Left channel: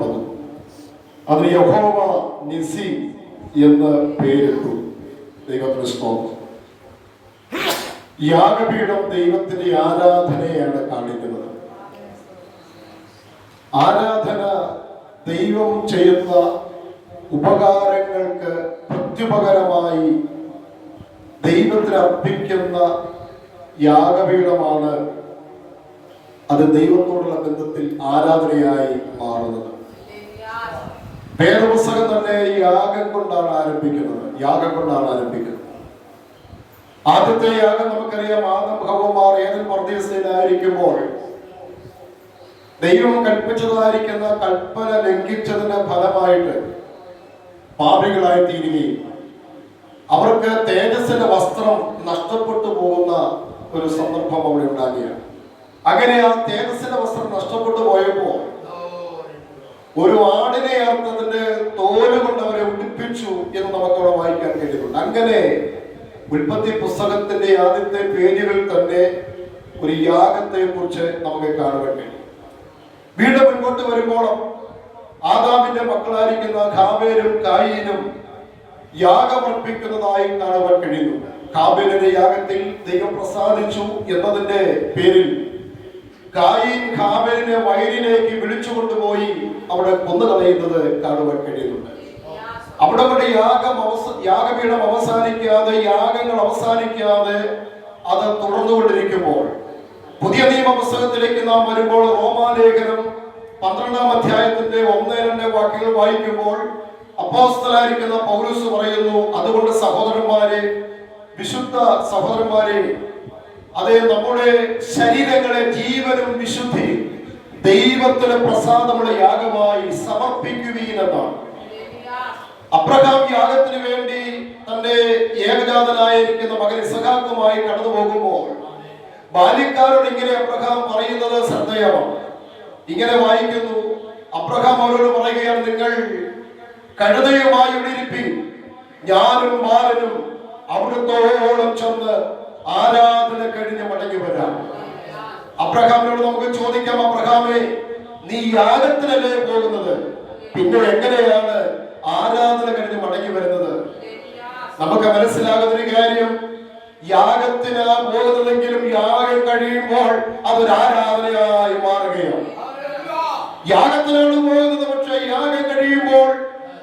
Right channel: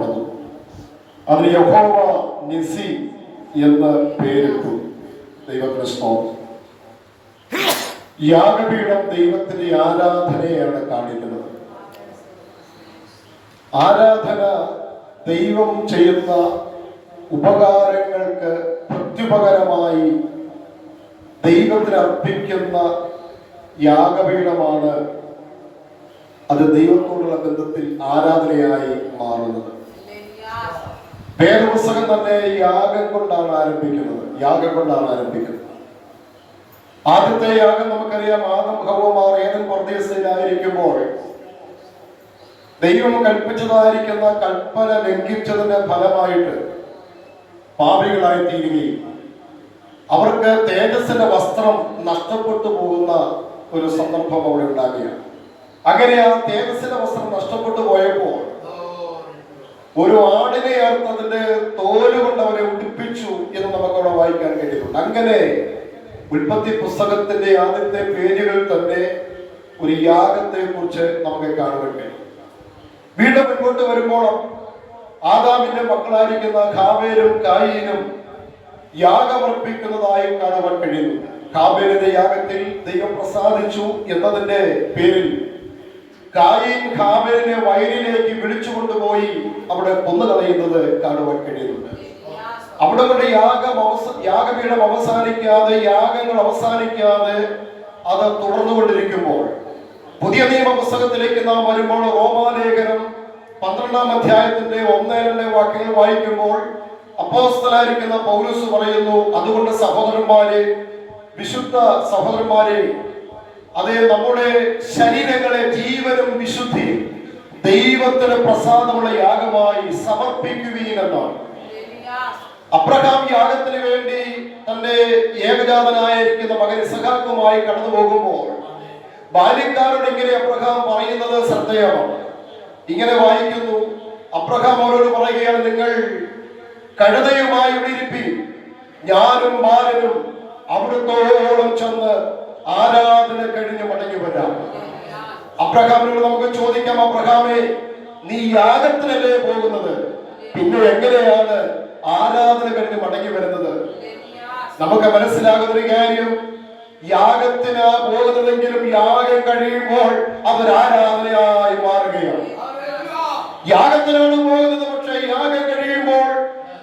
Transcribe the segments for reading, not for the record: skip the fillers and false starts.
പണിതു. അതിന് യഹോവ നിസി എന്ന് പേരിട്ടു. ദൈവത്തിന് സ്തോത്രം. യാഗപീഠം ദൈവത്തിന്റെ ആരാധനയാണ് കാണിക്കുന്നത്. ആരാധന ദൈവം ചെയ്യുന്ന ഉപകാരങ്ങൾക്ക് പ്രത്യുപകരമായി ദൈവത്തിന് അർപ്പിക്കുന്ന യാഗപീഠമാണ് അത് ദൈവത്തോടുള്ള ബന്ധത്തിൽ ആരാധനയായി മാറുന്നത്. വേദപുസ്തകം തന്നെ യാഗം കൊണ്ടാണ് ആരംഭിക്കുന്നത്. ആദ്യത്തെ യാഗം നമുക്കറിയാം. ആദം ഹവ്വമാർ ഏദൻ പർദീസയിലായിരിക്കുമ്പോൾ ദൈവം കൽപ്പിച്ചതായിരിക്കുന്ന കൽപ്പന ലംഘിച്ചതിന്റെ ഫലമായിട്ട് പാപികളായി തീരുകയും അവർക്ക് തേജസ്സിന്റെ വസ്ത്രം നഷ്ടപ്പെട്ടു പോകുന്ന ഒരു സന്ദർഭം അവിടെ ഉണ്ടാകുകയാണ്. അങ്ങനെ ആ തേജസ്സിന്റെ വസ്ത്രം നഷ്ടപ്പെട്ടു പോയപ്പോൾ ഒരു ആടിനെ അർത്ഥത്തിന്റെ തോല് കൊണ്ട് അവരെ ഉടുപ്പിച്ചു എന്ന് നമുക്കവിടെ വായിക്കാൻ കഴിയുന്നുണ്ട്. അങ്ങനെ ഉൽപ്പത്തി പുസ്തകത്തിന്റെ ആദ്യത്തെ പേജുകളിൽ തന്നെ ഒരു യാഗത്തെ കുറിച്ച് നമുക്ക് കാണാൻ കഴിയും. വീണ്ടും മുൻപോട്ട് വരുമ്പോൾ ആദാമിന്റെ മക്കളായിരിക്കുന്ന ഹാബേലും കായീനും യാഗമർപ്പിക്കുന്നതായി കാണുവാൻ കഴിയുന്നു. ഹാബേലിന്റെ യാഗത്തിൽ ദൈവം പ്രസാദിച്ചു എന്നതിന്റെ പേരിൽ കായീൻ ഹാബേലിനെ വയലിലേക്ക് വിളിച്ചുകൊണ്ടുപോയി അവിടെ കൊന്നുകളയുന്നത് കാണുവാൻ കഴിയുന്നുണ്ട്. അവിടെ കൊണ്ട് യാഗപീഠം അവസാനിക്കാതെ, യാഗങ്ങൾ അവസാനിക്കാതെ അത് തുടർന്നുകൊണ്ടിരിക്കുമ്പോൾ പുതിയ നിയമ പുസ്തകത്തിലേക്ക് നാം വരുമ്പോൾ റോമാലേഖനം 12-ാം അധ്യായത്തിന്റെ 1-2 വാക്യങ്ങൾ വായിക്കുമ്പോൾ അപ്പോസ്തലനായിരിക്കുന്ന പൗലോസ് പറയുന്നു, അതുകൊണ്ട് സഹോദരന്മാരെ, വിശുദ്ധ സഹോദരന്മാരെ, അതേ നമ്മുടെ ശരീരങ്ങളെ ജീവനും വിശുദ്ധിയും ദൈവത്തിന് പ്രസാദമുള്ള യാഗമായി സമർപ്പിക്കുകയും എന്നാണ്. അബ്രഹാം യാഗത്തിന് വേണ്ടി തന്റെ ഏകജാതനായിരിക്കുന്ന മകൻ ഇസഹാക്കുമായി കടന്നു പോകുമ്പോൾ ബാല്യക്കാരോട് ഇങ്ങനെ അബ്രഹാം പറയുന്നത് ശ്രദ്ധേയമാണ്. ഇങ്ങനെ വായിക്കുന്നു, അബ്രഹാം അവരോട് പറയുകയാണ്, നിങ്ങൾ കഴുതയുമായി ഇരിപ്പിൻ, ഞാനും ബാലനും അവിടുത്തോളം ചെന്ന് ആരാധന കഴിഞ്ഞ് മടങ്ങി വരാം. അബ്രഹാമിനോട് നമുക്ക് ചോദിക്കാം, അബ്രഹാമേ, നീ യാഗത്തിനല്ലേ പോകുന്നത്, പിന്നെ എങ്ങനെയാണ് ആരാധന കഴിഞ്ഞ് മടങ്ങി വരുന്നത്? നമുക്ക് മനസ്സിലാകുന്ന ഒരു കാര്യം, യാഗത്തിന് പോകുന്നതെങ്കിലും യാഗം കഴിയുമ്പോൾ അതൊരു ആരാധനയായി മാറുകയാണ്. യാഗത്തിനാണ് പോകുന്നത്, പക്ഷേ യാഗം കഴിയുമ്പോൾ,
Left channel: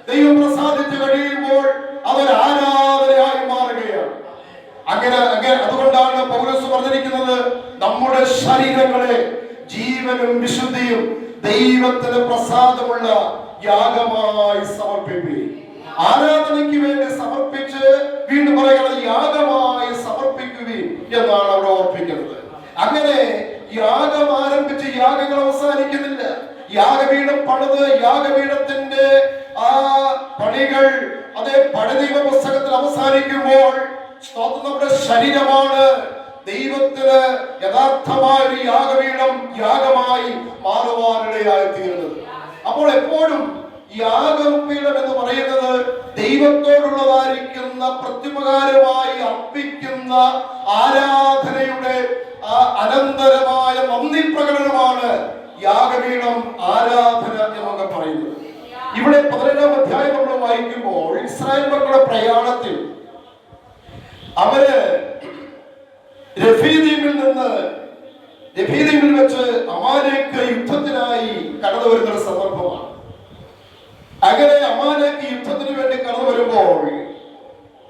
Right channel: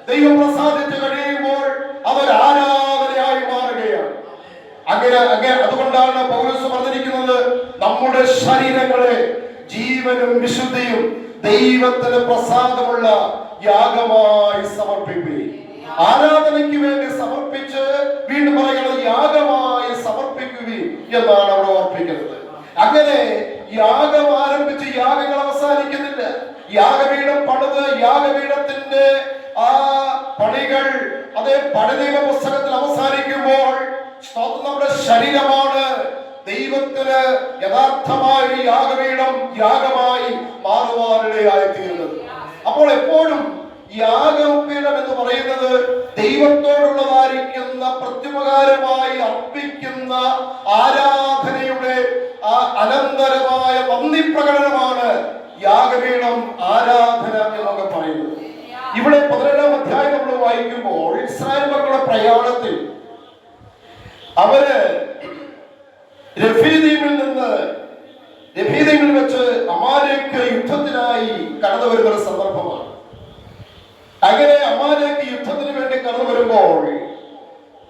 ദൈവം പ്രസാദിച്ചു കഴിയുമ്പോൾ അതൊരു ആരാധനയായി മാറുകയാണ്. അതുകൊണ്ടാണ് പൗലോസ് പറഞ്ഞിരിക്കുന്നത്, നമ്മുടെ ശരീരങ്ങളെ ജീവനും വിശുദ്ധിയും ദൈവത്തിന് പ്രസാദമുള്ള യാഗമായി സമർപ്പിക്കുകയും, ആരാധനയ്ക്ക് വേണ്ടി സമർപ്പിച്ച് വീണ്ടും പറയുന്നത് യാഗമായി സമർപ്പിക്കുകയും എന്നാണ് അവിടെ ഓർപ്പിക്കുന്നത്. അങ്ങനെ യാഗം ആരംഭിച്ച് യാഗങ്ങൾ അവസാനിക്കുന്നില്ല. യാഗപീഠം പണിത് യാഗപീഠത്തിന്റെ ആ പണികൾ അതേ പഴയ പുസ്തകത്തിൽ അവസാനിക്കുമ്പോൾ നമ്മുടെ ശരീരമാണ് ദൈവത്തിന് യഥാർത്ഥമായ ഒരു യാഗപീഠം യാഗമായി മാറുവാനിടയായി തീരുന്നത്. അപ്പോൾ എപ്പോഴും യാഗപീഠം എന്ന് പറയുന്നത് ദൈവത്തോടുള്ളതായിരിക്കുന്ന പ്രത്യുപകാരമായി അർപ്പിക്കുന്ന ആരാധനയുടെ അനന്തരമായ നന്ദി പ്രകടനമാണ് യാഗപീഠം ആരാധന എന്നൊക്കെ പറയുന്നത്. ഇവിടെ 12-ാം അധ്യായം നമ്മൾ വായിക്കുമ്പോൾ ഇസ്രായേൽ മക്കളുടെ പ്രയാണത്തിൽ അവര് രഫീദീമിൽ വെച്ച് അമാലേക്ക് യുദ്ധത്തിനായി കടന്നു വരുന്ന ഒരു സന്ദർഭമാണ്. അങ്ങനെ അമാലേക്ക് യുദ്ധത്തിന് വേണ്ടി കടന്നു വരുമ്പോൾ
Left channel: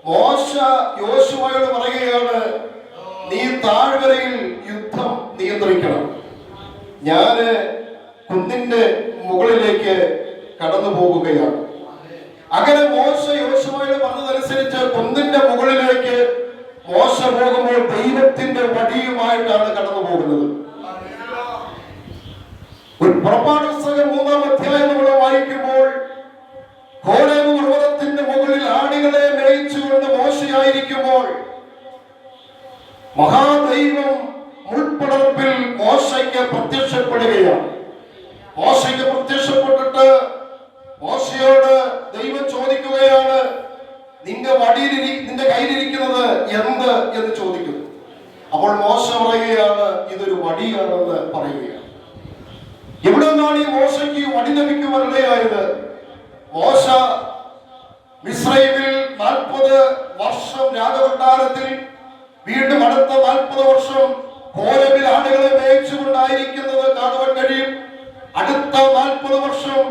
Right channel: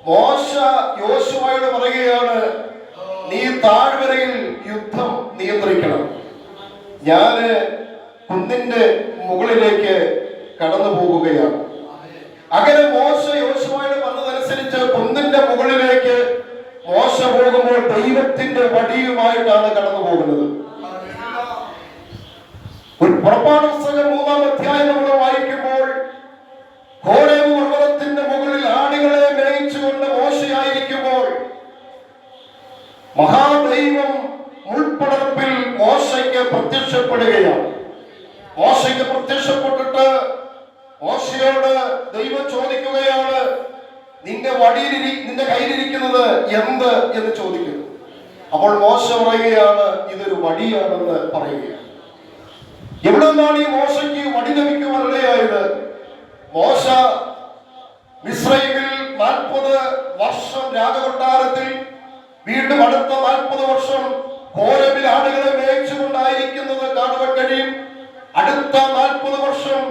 മോശ യോശുവയോട് പറയുകയാണ്, നീ താഴ്വരയിൽ യുദ്ധം നിയന്ത്രിക്കണം, ഞാന് കുന്നിന്റെ മുകളിലേക്ക് കടന്നു പോകുകയാണ്. അങ്ങനെ മോശ യോശുവയോട് പറഞ്ഞതനുസരിച്ച് കുന്നിന്റെ മുകളിലേക്ക് മോശ പോകുമ്പോൾ ദൈവത്തിന്റെ വടിയുമായിട്ടാണ് കടന്നു പോകുന്നത്. പുറപ്പാട് പുസ്തകം 3-ാം അധ്യായം നമ്മൾ വായിക്കുമ്പോൾ ഹോരേബ് പർവ്വതത്തിന്റെ മുകളിൽ ആടുകളെ മേയിച്ചുകൊണ്ട് മോശയായിരിക്കുമ്പോൾ മഹാദൈവം മുൾപ്പടർപ്പിൽ മോശയ്ക്ക് പ്രത്യക്ഷപ്പെടുകയാണ്. മോശയ്ക്ക് പ്രത്യക്ഷപ്പെട്ടിട്ട് മോശയോട് ദൈവം ചോദിക്കുകയാണ്, നിന്റെ കയ്യിലിരിക്കുന്നത് എന്ത് എന്ന് ചോദിക്കുന്നു. അപ്പോൾ മോശ പറയുകയാണ്, ഇതൊരു വടിയാണെന്ന് പറയുകയാണ്. എവിടെ നിന്നാണ് ഈ മോശയ്ക്ക് വടി ലഭിക്കുവാനുള്ള രാജകൊട്ടാരത്തിൽ, വീണ്ടും അടുത്ത 40 വർഷം കോരബിൽ ആടുകളെ മേയിച്ചുകൊണ്ടായിരിക്കുന്നത് കാണുവാൻ കഴിയും. അടുത്ത 40 വർഷം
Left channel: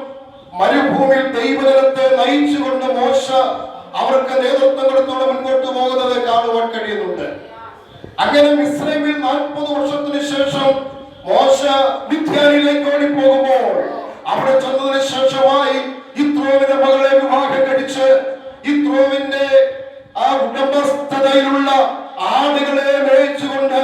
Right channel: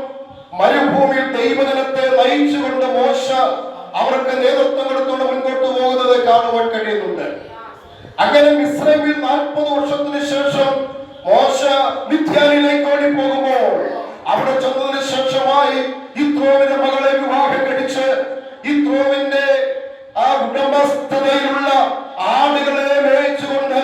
മരുഭൂമിയിൽ ദൈവജനത്തെ നയിച്ചുകൊണ്ട് മോശ അവർക്ക് നേതൃത്വം കൊടുത്തുകൊണ്ട് മുൻപോട്ട് പോകുന്നത് കാണുവാൻ കഴിയുന്നുണ്ട്. അങ്ങനെ മിസ്രൈമിൽ 40 വർഷത്തിന് ശേഷം മോശ മിദ്യാനിലേക്ക് ഓടി പോകുമ്പോൾ അവിടെ ചെന്നതിന് ശേഷമായി യിത്രോവിന്റെ മകളെ വിവാഹം കഴിച്ച് യിത്രോവിന്റെ ആ ഉടമസ്ഥതയിലുള്ള ആടുകളെ മേയിച്ചുകൊണ്ട്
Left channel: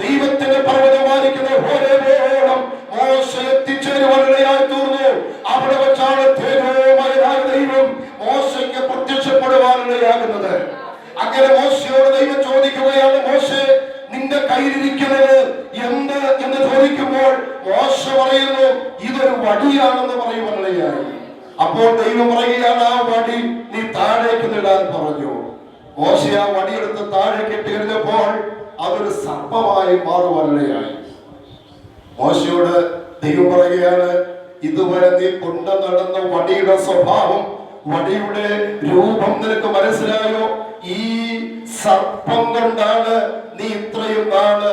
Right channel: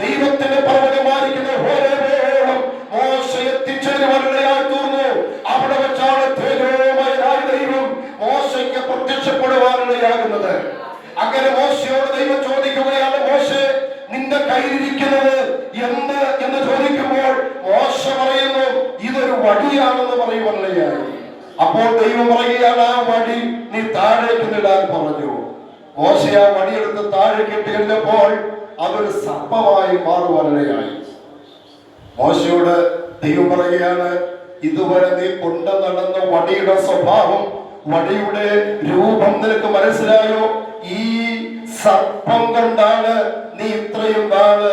ദൈവത്തിന്റെ പർവ്വതമായിരിക്കുന്ന ഹോരേബോളം മോശ എത്തിച്ചേരുവാനിടയായി തീർന്നു. അവിടെ വെച്ചാണ് തേജോമയനായ ദൈവം മോശയ്ക്ക് പ്രത്യക്ഷപ്പെടുവാനിടയാകുന്നത്. അങ്ങനെ മോശയോട് ദൈവം ചോദിക്കുകയാണ്, മോശേ, നിന്റെ കയ്യിലിരിക്കുന്നത് എന്ത് എന്ന് ചോദിക്കുമ്പോൾ മോശ പറയുന്നു, ഇതൊരു വടിയാണെന്ന് പറയുവാനിടയായി. അപ്പോൾ ദൈവം പറയുകയാണ്, ആ വടി നീ താഴേക്ക് ഇടാൻ പറഞ്ഞു. മോശ ആ വടിയെടുത്ത് താഴേക്ക് ഇട്ട് കഴിഞ്ഞപ്പോൾ അതൊരു സർപ്പമായി മാറുവാനിടയായി. മോശയോട് ദൈവം പറയുകയാണ്, ഇതുവരെ നീ കൊണ്ടു നടന്ന വടിയുടെ സ്വഭാവം, വടിയുടെ രൂപം നിനക്ക് മനസ്സിലായോ? ഈ സർപ്പം കൊണ്ടാണ് നീ ഇത്രയും നാള്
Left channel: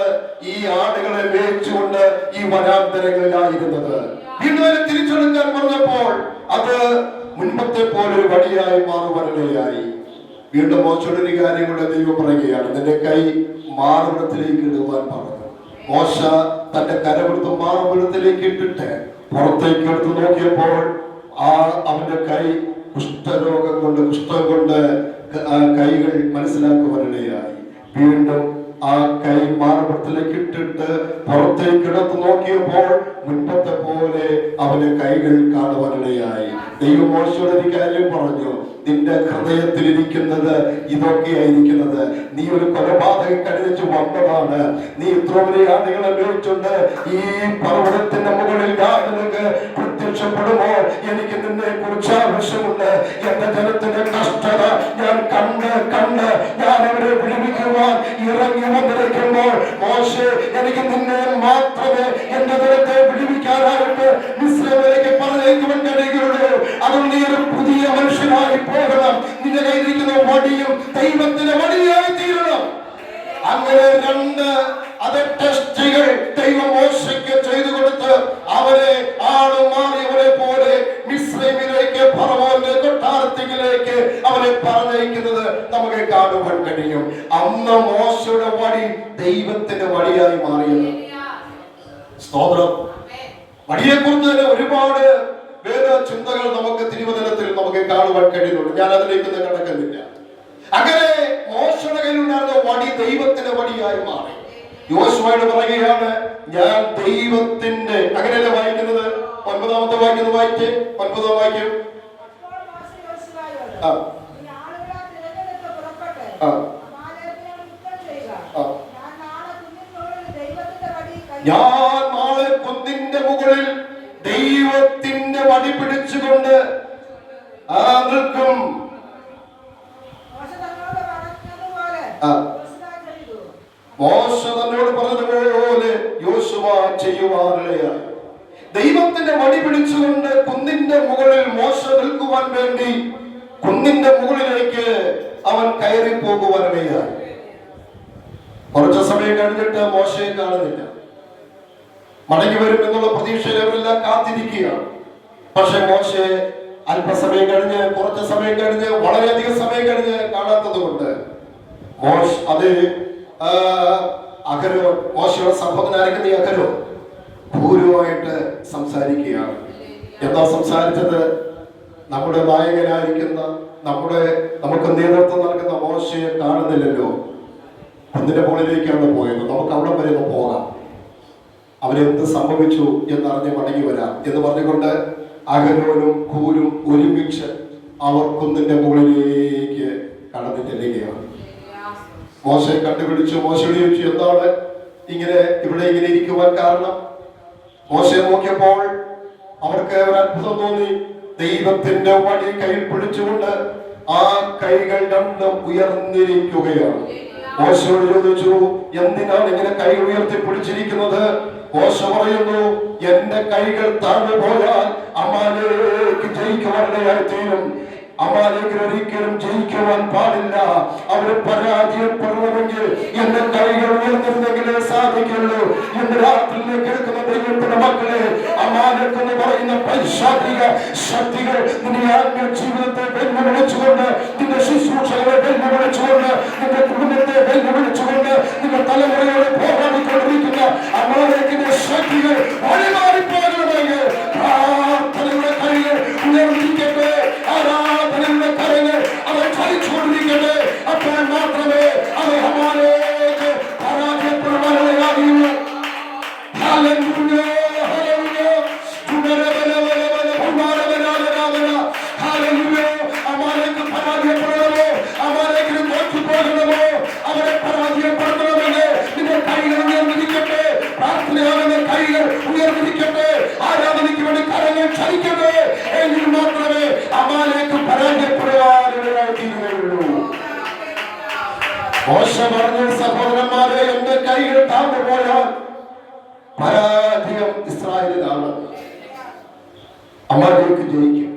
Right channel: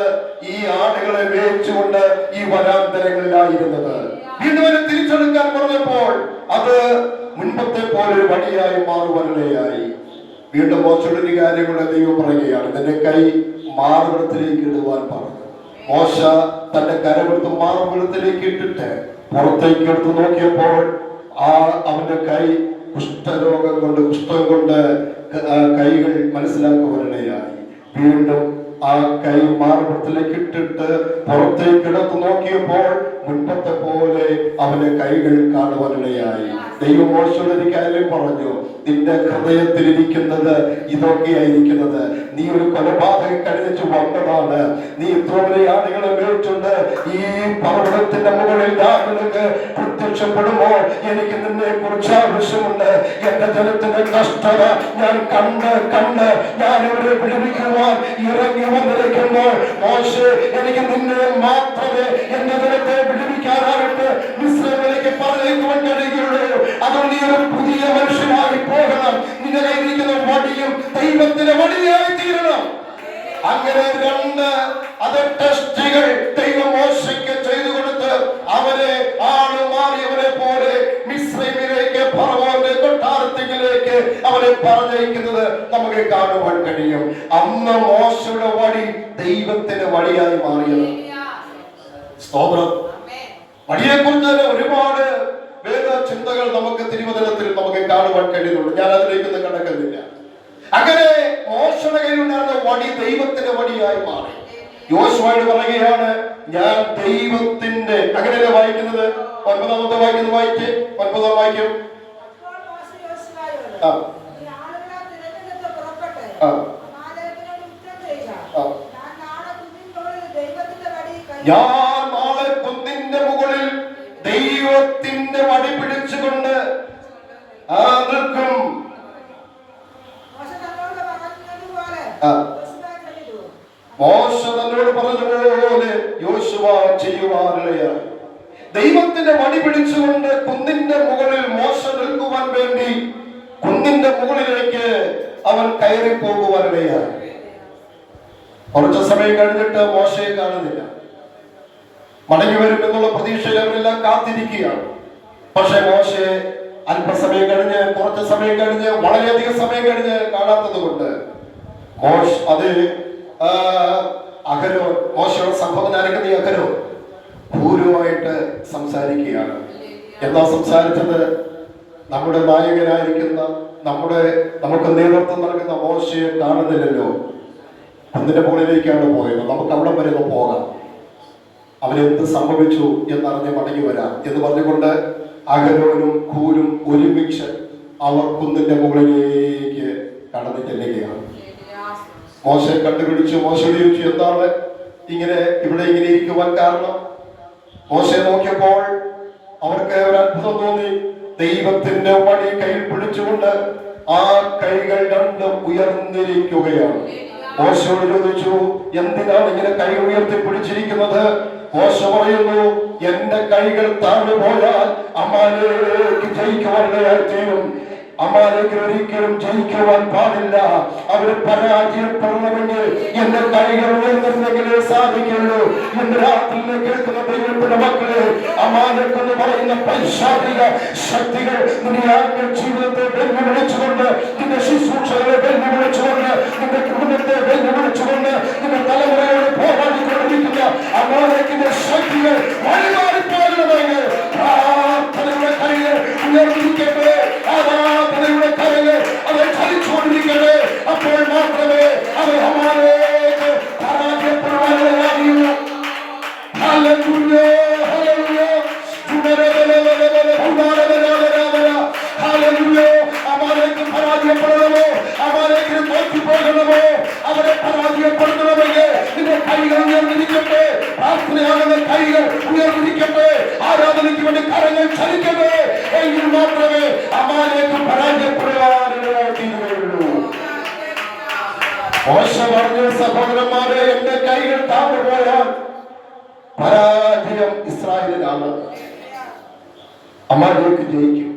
ഈ ആടുകളെ മേയിച്ചുകൊണ്ട് ഈ വനാന്തരങ്ങളിലായിരുന്നത്. വീണ്ടും തിരിച്ചെടുക്കാൻ പറഞ്ഞപ്പോൾ അത് മുൻപത്തെ പോലൊരു വടിയായി മാറുവാനിടയായി. വീണ്ടും മോശയുടെ കാര്യങ്ങളുടെ ദൈവം പറയുകയാണ്, നിന്റെ കൈ മാറുവിടത്തിലേക്ക് ഇടുവാൻ പറഞ്ഞു. മോശ തന്റെ കരമെടുത്ത് മാറുവിടത്തിലേക്ക് ഇട്ടിട്ട് പുറത്തേക്ക് എടുത്ത് നോക്കിയപ്പോൾ അവന്റെ കൈ കുഷ്ഠരോഗം കൊണ്ട് കൈകൾ മനസ്സിലാക്കുവാനിടയായി. വീണ്ടും ആ കൈ മാറുവിടത്തിലേക്ക് ഇട്ടിട്ട് പുറത്തേക്ക് എടുത്ത് നോക്കിയപ്പോൾ മുൻപത്തെ പോലെ അവന്റെ കൈകൾ കാണുവാനിടയായി. ദൈവം മോശയോട് ഒരു കാര്യം പറഞ്ഞു, നിന്റെ ഹൃദയത്തിലിരിക്കുന്നത് ഇതൊക്കെയായിരിക്കുന്നത്. നീ ഒരു കൊലപാതകം കഴിഞ്ഞു വന്നതാണ്. നീ ഇത്ര വലിയ ആളുകളെ മേടിച്ചുകൊണ്ട് ഈ പർവ്വതത്തിന്റെ മുകളിൽ ഞാൻ നിനക്ക് പ്രത്യക്ഷപ്പെടുമോ? എനിക്ക് നിന്നെ കുറിച്ച് ആവശ്യമുണ്ട്. എന്റെ ജനത്തിന്റെ കഷ്ടത ഞാൻ കണ്ട് ഞാൻ അവരെ വിടുവിക്കുവാൻ ഇറങ്ങി വന്നിരിക്കുമ്പോൾ മോശേ, എനിക്ക് നിന്നെ മാത്രമേ എന്റെ ജനത്തെ വിടുവിക്കാനായിട്ട് മിസ്രൈമിലേക്ക് പറഞ്ഞേക്കുവാൻ കഴിയുകയുള്ളൂ. അതുകൊണ്ട് നീ ഒരു പുതിയ മനുഷ്യനായി പോകണം. നിന്റെ കയ്യിലിരിക്കുന്ന വടിയും ദൈവത്തിന്റെ വടിയായി തീരണം. അങ്ങനെ 2 ടെസ്റ്റുകൾ ദൈവം മോശയ്ക്ക് ചെയ്തു കൊടുത്ത് അവരെ ആള് മാറിയവരെ പോലെ മിസ്രൈമിലേക്ക് ഫറവോന്റെ കൊട്ടാരത്തിലേക്ക് അവരെ പറഞ്ഞയക്കുന്നത് നമുക്ക് കാണുവാൻ കഴിയും. അന്ന് മോശയുടെ വടി ദൈവത്തിന്റെ വടിയായി മാറിയത്. സ്തോത്രം. വടിയെ കുറിച്ച് തന്നെ ഒരുപാട് വേദ ചിന്തകൾ നമുക്ക് തിരുവചനത്തിൽ നമുക്ക് കാണുവാൻ കഴിയുന്നുണ്ട്. ഞാൻ അതിലേക്കൊന്നും കടക്കുന്നില്ല. അങ്ങനെ മോശയുടെ കയ്യിലുണ്ടായിരുന്ന വടി ദൈവത്തിന്റെ വടിയായി മാറി. യോശുവയോട് പറയുകയാണ്, ഞാൻ ദൈവത്തിന്റെ, അങ്ങനെയല്ലേ വായിക്കുന്നത്? 9-ാമത്തെ വാക്യം വായിക്കേ. 9-ാം വാക്യം. ഞാൻ നാളെ കുന്നിന്റെ മുകളിൽ ദൈവത്തിന്റെ വടി പിടിച്ചുകൊണ്ട് നിൽക്കും. മോശ തന്നോട് പറഞ്ഞതുപോലെ യോശുവ ചെയ്യുവാനിടയായി. ദൈവത്തിന്റെ വടി പിടിച്ചുകൊണ്ട് കുന്നിന്റെ മുകളിൽ മോശ നിൽക്കുവാൻ വേണ്ടി കുന്നിന്റെ മുകളിലേക്ക് അവൻ കയറി പോകുവാനിടയായി. കുറച്ചു സമയം കഴിഞ്ഞിട്ട് മോശയെ കാണുന്നില്ല. മടങ്ങി വരും എന്നുള്ള പ്രതീക്ഷയിൽ അവരെല്ലാം കാത്തിരിക്കുകയാണ്. പക്ഷെ മോശയെ അല്പസമയം കഴിഞ്ഞ്, കുറച്ച് സമയം കഴിഞ്ഞ്, വളരെയധികം സമയം കഴിഞ്ഞ് കാണാത്തത് കൊണ്ട് അഹരോ, മോശയുടെ സഹോദരനായിരിക്കുന്ന അഹരോ ഭൂരുമായിട്ട് സംസാരിക്കുകയാണ്. എന്താ സംസാരിച്ചത്? നമ്മുടെ നായകനായിരിക്കുന്ന, നമുക്ക് നേതൃത്വം നൽകുന്ന മോശയെ കാണുന്നില്ലല്ലോ, അതിന്റെ മുകളിലേക്കാണ് പോയത്, നമുക്ക് അവിടെ വരെ ഒന്ന് പോകാം, അവരെന്ത് സംഭവിച്ചു എന്നറിഞ്ഞ് മടങ്ങി വരാം എന്ന് പറഞ്ഞുകൊണ്ട് അഹരോനും ഹൂരും ഒരുമിച്ച് അവർ കുന്നിന്റെ മുകളിലേക്ക് കടന്നു ചെല്ലുകയാണ്. മോശയെ കണ്ടുപിടിച്ചു. മോശയോട് ചോദിച്ചു, എന്താണ് ഇവിടെ ഇങ്ങനെ ഇരിക്കുവാൻ കാരണം? മോശയെ നോക്കിയപ്പോൾ അവർക്ക് ഒരു അത്ഭുതം തോന്നി. ദൈവത്തിന്റെ വടി കയ്യിൽ പിടിച്ചുകൊണ്ട് ആ കൈകൾ രണ്ടും ഉയർന്നിരിക്കുകയാണ്. മോശയോട് ചോദിച്ചു, എന്തിനാണ് ഇങ്ങനെ കൈ ഉയർത്തി പിടിച്ചിരിക്കുന്നത്? മോശ പറയുന്നു, എന്റെ കൈകൾ താഴെ പോയാൽ അമാലേക്ക് ജയിക്കുവാനിടയായി തീരും. അമാലേഖ്യർ ഒരിക്കലും ജയിക്കുവാൻ പാടില്ല. അവർ പരാജയപ്പെടണമെങ്കിൽ എന്റെ കൈകൾ ഉയർന്നിരുന്നെങ്കിലേ സാധിക്കുള്ളൂ. ഇന്ന് രാത്രി കേൾക്കുന്ന ദൈവത്തിന്റെ മക്കളെ, അമാലേഖ് എന്ന് പറയുന്ന പൈശാചിക ശക്തികൾ നിന്റെ ജീവിതത്തെ വെല്ലുവിളിച്ചുകൊണ്ട്, നിന്റെ ശുശ്രൂഷകളെ വെല്ലുവിളിച്ചുകൊണ്ട്, നിന്റെ കുടുംബത്തെ വെല്ലുവിളിച്ചുകൊണ്ട്, നിന്റെ തലമുറയോട് പോരാടിക്കൊണ്ടിരിക്കുന്ന അമാലേഖിന്റെ ശക്തികൾ വഴിമാറിപ്പോകണമെങ്കിൽ പ്രാർത്ഥനയുടെ കൈകൾ ഉയർന്നിരിക്കട്ടെ, ആരാധനയുടെ കൈകൾ അവർ ചലിച്ചുകൊണ്ടിരിക്കട്ടെ. അപ്പോൾ മാത്രമേ അവർ അമാലേഖ് പരാജയപ്പെടുവാനുള്ളതാകുള്ളൂ. Hallelujah, hallelujah, hallelujah. അമാലേഖ് പരാജയപ്പെടണമോ, അമാലേഖിന് തോറ്റുപോകണമോ, അവരെ പരാജയപ്പെടുത്തണമെങ്കിൽ നിന്റെ കൈകൾ ഉയർന്നിരിക്കട്ടെ, പ്രാർത്ഥനയാകുന്ന കൈകൾ ഉയർന്നിരിക്കട്ടെ, ആരാധനയ്ക്ക് വേണ്ടി കരങ്ങൾ ചലിക്കട്ടെ. എങ്കിൽ മാത്രമേ അമാലേഖ് പരാജയപ്പെടുവാനിടയായി തീരുകയുള്ളൂ. മോശ പറഞ്ഞു, സഹോദരന്മാരെ, എന്റെ കൈകൾ താഴ്ന്നുപോയാൽ പരാജയം ഇസ്രായേലിനാണ്. അമാലേഖ് ജയിക്കും.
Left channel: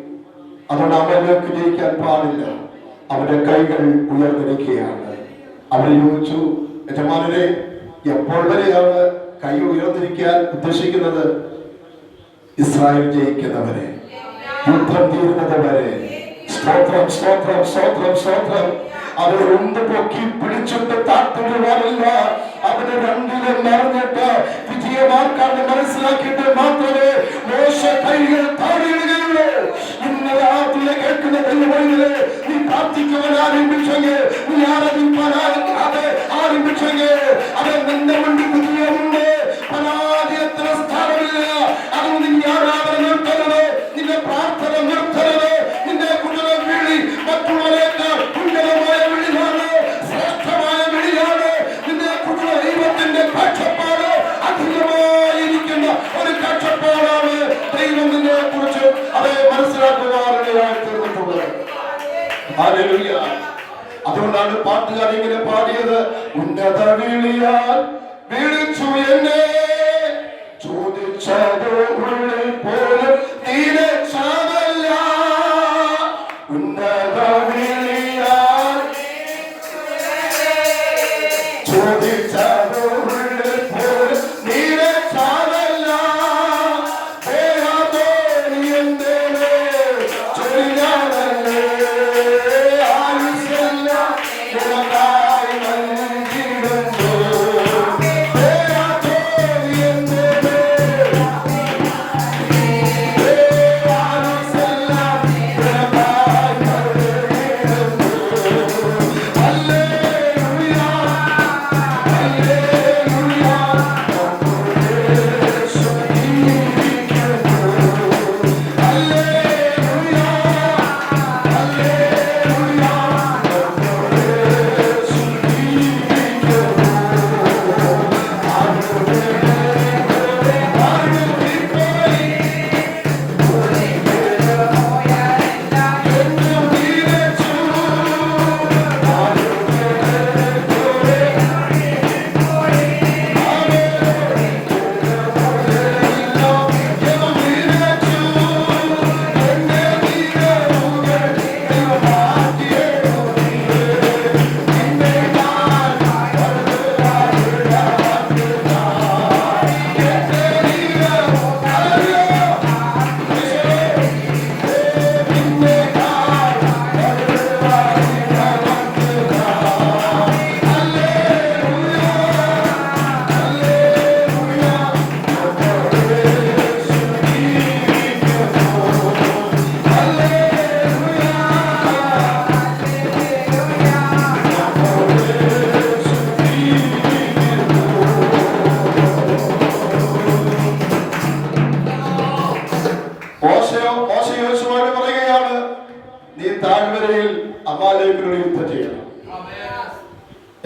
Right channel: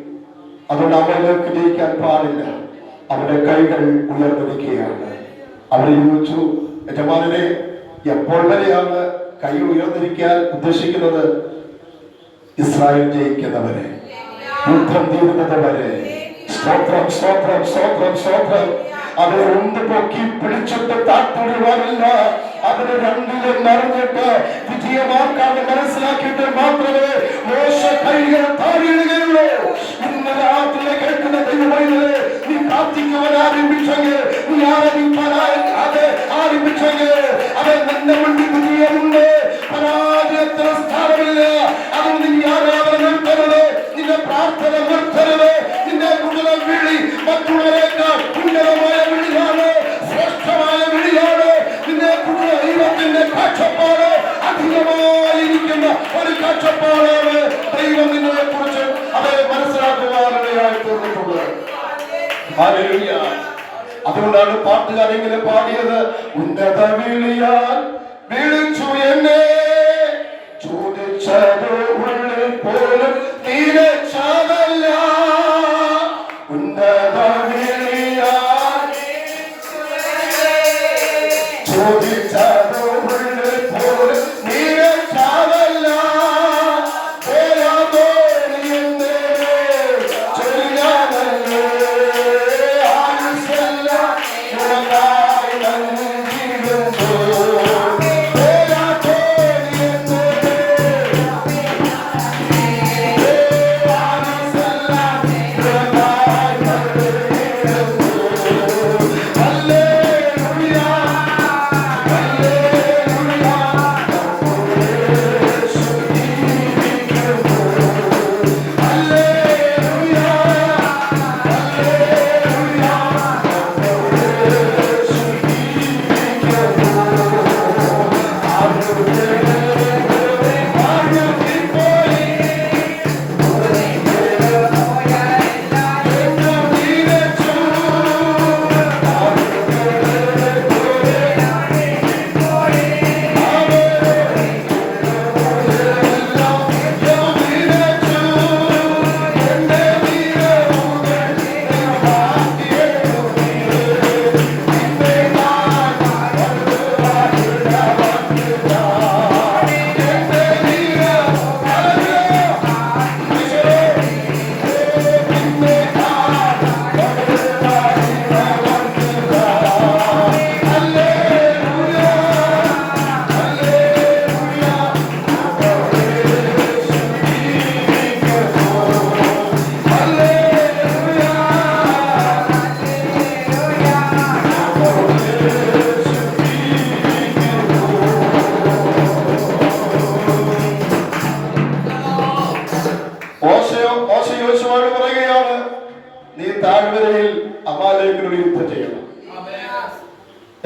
അതുകൊണ്ട് അമാലേഖ് ജയിക്കാൻ പാടില്ല. അവരുടെ കൈകൾ ഉയർന്നിരിക്കുകയാണ്. അവർ ചോദിച്ചു, യജമാനനെ, എപ്പോൾ വരെയാണ് കൈ ഉയർന്നിരിക്കാൻ ഉദ്ദേശിക്കുന്നത്? ഇസ്രായേൽ ജയിക്കുന്നവരെ, യുദ്ധം തീരുന്നത് വരെ. സ്തോത്രം, സ്തോത്രം, സ്തോത്രം, സ്തോത്രം. അവരെ ഒന്ന് പൊക്കി പിടിച്ചിട്ട് താഴ്ത്തിടുവാനില്ല. അവര് രണ്ടിലും നിറഞ്ഞിട്ട് വിജയമാക്കാതെ മനസ്സിലാക്കിയിട്ട് മാത്രമേ മോശ കൈകൾ താഴെയിടുകയുള്ളൂ. ഇന്ന് രാത്രി കേൾക്കുന്ന ദൈവമേ, നീ പ്രാർത്ഥിക്കുവാൻ ആരംഭിച്ചെങ്കിൽ, നീ ആരാധിക്കാൻ ആരംഭിച്ചെങ്കിൽ, അവൻ നിന്റെ മുന്നിൽ വിജയമുണ്ട്. പരാജയത്തിന് സ്ഥാനമില്ല. അതുകൊണ്ട് നീ ആരാധന നിർത്തരുത്, നിന്റെ പ്രാർത്ഥന നിർത്തരുത്. നിന്റെ കുടുംബ വിളി മറ്റുള്ളവരെക്കാൾ ഉന്നതമായ വിളിയാണ്, ശ്രേഷ്ഠമായ വിളിയാണ്. നിന്റെ കുടുംബ ദൈവത്തിന്റെ കാഴ്ചപ്പാട് അധികമായിരിക്കുന്ന ഒരു കാഴ്ചപ്പാടാണ്. ദൈവം നിന്നെ കുറിച്ച് അവരെ മനസ്സിലാക്കുവാനിടയായി തീർന്നിട്ടുള്ളത്. ഹല്ലേലൂയ. അതുകൊണ്ടാണ് പാട്ടുകാർ ഇങ്ങനെ പാടിയത്, ഉന്നത വിളിയാൽ വിളിച്ചു എന്നെ, ചോദിച്ചതോ ഉള്ളിൽ പോലും തീരച്ചതല്ല. ഉന്നത വിളിയാൽ ചോദിച്ചതോ ഉള്ളിൽ പോലും തീരച്ചതല്ല. പേരാതോ നീ എന്റെ ചൊരിയാനല്ലേ, ആയുസ്സെല്ലാം നിനക്കായി നൽകിയിടുന്നു. പേരാതോ നീ എന്റെ ആയുസ്സെല്ലാം നിനക്കായി നൽകിയിടുന്നു. Hallelujah, hallelujah.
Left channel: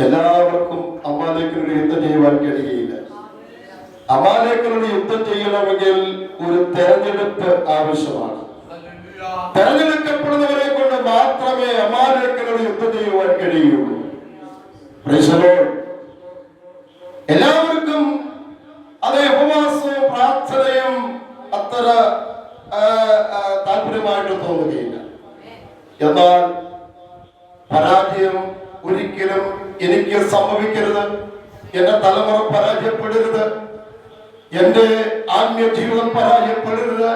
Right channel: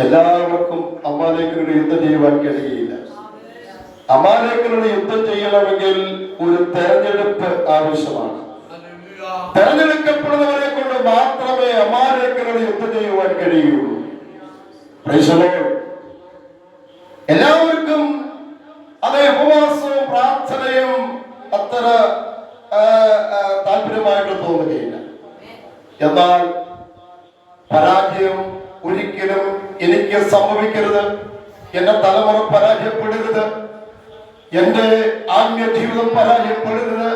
എല്ലാവർക്കും അമാലേക്കിനോട് യുദ്ധം ചെയ്യുവാൻ കഴിയില്ല. അമാലേക്കിനോട് യുദ്ധം ചെയ്യണമെങ്കിൽ ഒരു തെരഞ്ഞെടുപ്പ് ആവശ്യമാണ്. തെരഞ്ഞെടുക്കപ്പെടുന്നവരെ കൊണ്ട് മാത്രമേ അമാലേക്കിനോട് യുദ്ധം ചെയ്യുവാൻ കഴിയുള്ളൂ. എല്ലാവർക്കും അതേ ഉപവാസവും പ്രാർത്ഥനയും അത്ര താല്പര്യമായിട്ട് തോന്നുകയില്ല. എന്നാൽ പരാജയം ഒരിക്കലും എനിക്ക് സംഭവിക്കരുത്, എന്റെ തലമുറ പരാജയപ്പെടരുത്, എന്റെ ആത്മീയ ജീവിതം പരാജയപ്പെടരുത്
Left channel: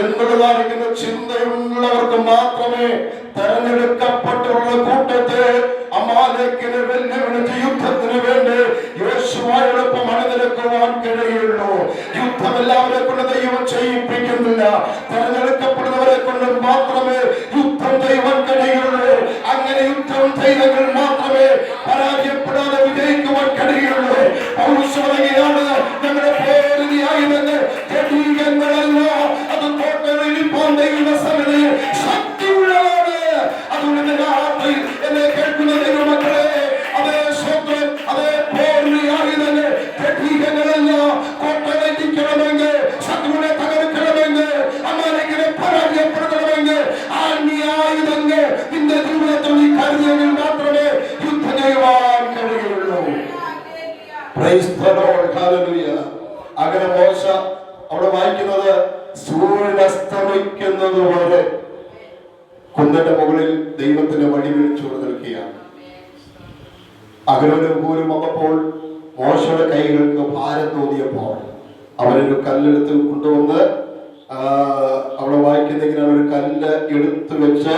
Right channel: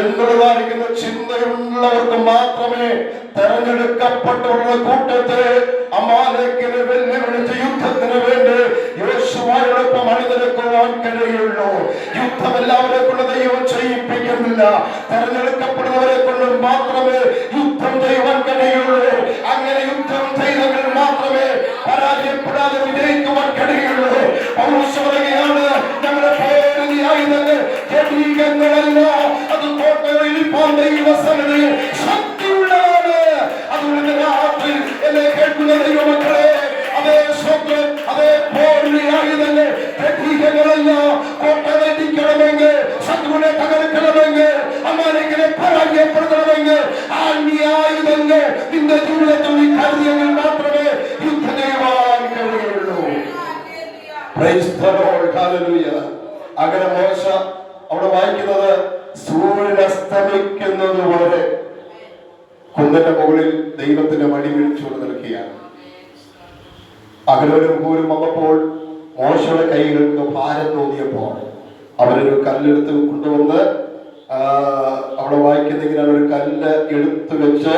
എന്നുള്ളതായിരിക്കുന്ന ചിന്തയുള്ളവർക്ക് മാത്രമേ തെരഞ്ഞെടുക്കപ്പെട്ടുള്ള കൂട്ടത്തെ അമാലേക്കിന് വെല്ലുവിളിച്ച് യുദ്ധത്തിന് വേണ്ടി യോശുവയോടൊപ്പം അണിനിരക്കുവാൻ കഴിയുള്ളൂ. യുദ്ധം എല്ലാവരെ കൊണ്ട് ദൈവം ചെയ്യിപ്പിക്കുന്നില്ല, തെരഞ്ഞെടുക്കപ്പെടുന്നവരെ കൊണ്ട് മാത്രമേ യുദ്ധം ചെയ്യുവാൻ കഴിയുള്ളൂ. അങ്ങനെ യുദ്ധം ചെയ്തെങ്കിൽ മാത്രമേ പരാജയപ്പെടാതെ വിജയിക്കുവാൻ കഴിയുള്ളൂ. പൗലോസ് പറയുകയാണ്, ഞങ്ങളുടെ പോരിന് ആയുധങ്ങൾ ജഡീകങ്ങളല്ല, അത് തോട്ടയിലിപ്പോൾ ദൈവസന്നിധിയിൽ ശക്തിയുള്ളതാണ്. അതുകൊണ്ട് രാത്രി എന്നെ കേൾക്കുന്ന ദൈവമക്കളെ, അതേ സ്വന്തം അതേ പോരിന് ആയുധങ്ങൾ ജഡീകങ്ങളല്ല. കോട്ടയിലിരിക്കണമെങ്കിൽ, ശത്രുവിനെ തകർക്കണമെങ്കിൽ, അമാലേക്കിനെ പരാജയപ്പെടുത്തണമെങ്കിൽ ആയുധങ്ങൾ നിന്റെ ജീവിതത്തിൽ നീ കരുതിയെങ്കിൽ മാത്രമേ യുദ്ധം ചെയ്യുവാൻ കഴിയുള്ളൂ. Praise the Lord, hallelujah. അങ്ങനെ മോശ അവിടെ വായിക്കുന്നത്, സൂര്യൻ അസ്തമിക്കുന്നത് പോലെ കുന്നിന്റെ മുകളിൽ ദൈവത്തിന്റെ വടി വിളിച്ചുകൊണ്ട് നിൽക്കുകയാണ്. അഹരോനും ഹൂരും വന്നപ്പോൾ മോശയുടെ കൈകൾക്ക് ഭാരം തോന്നിയപ്പോൾ അവരൊരു കല്ലെടുത്ത് കൊണ്ടുവന്ന് അവിടെ വായിക്കുന്നെങ്കിൽ ഒരു കല്ല് എടുത്തു വെച്ച്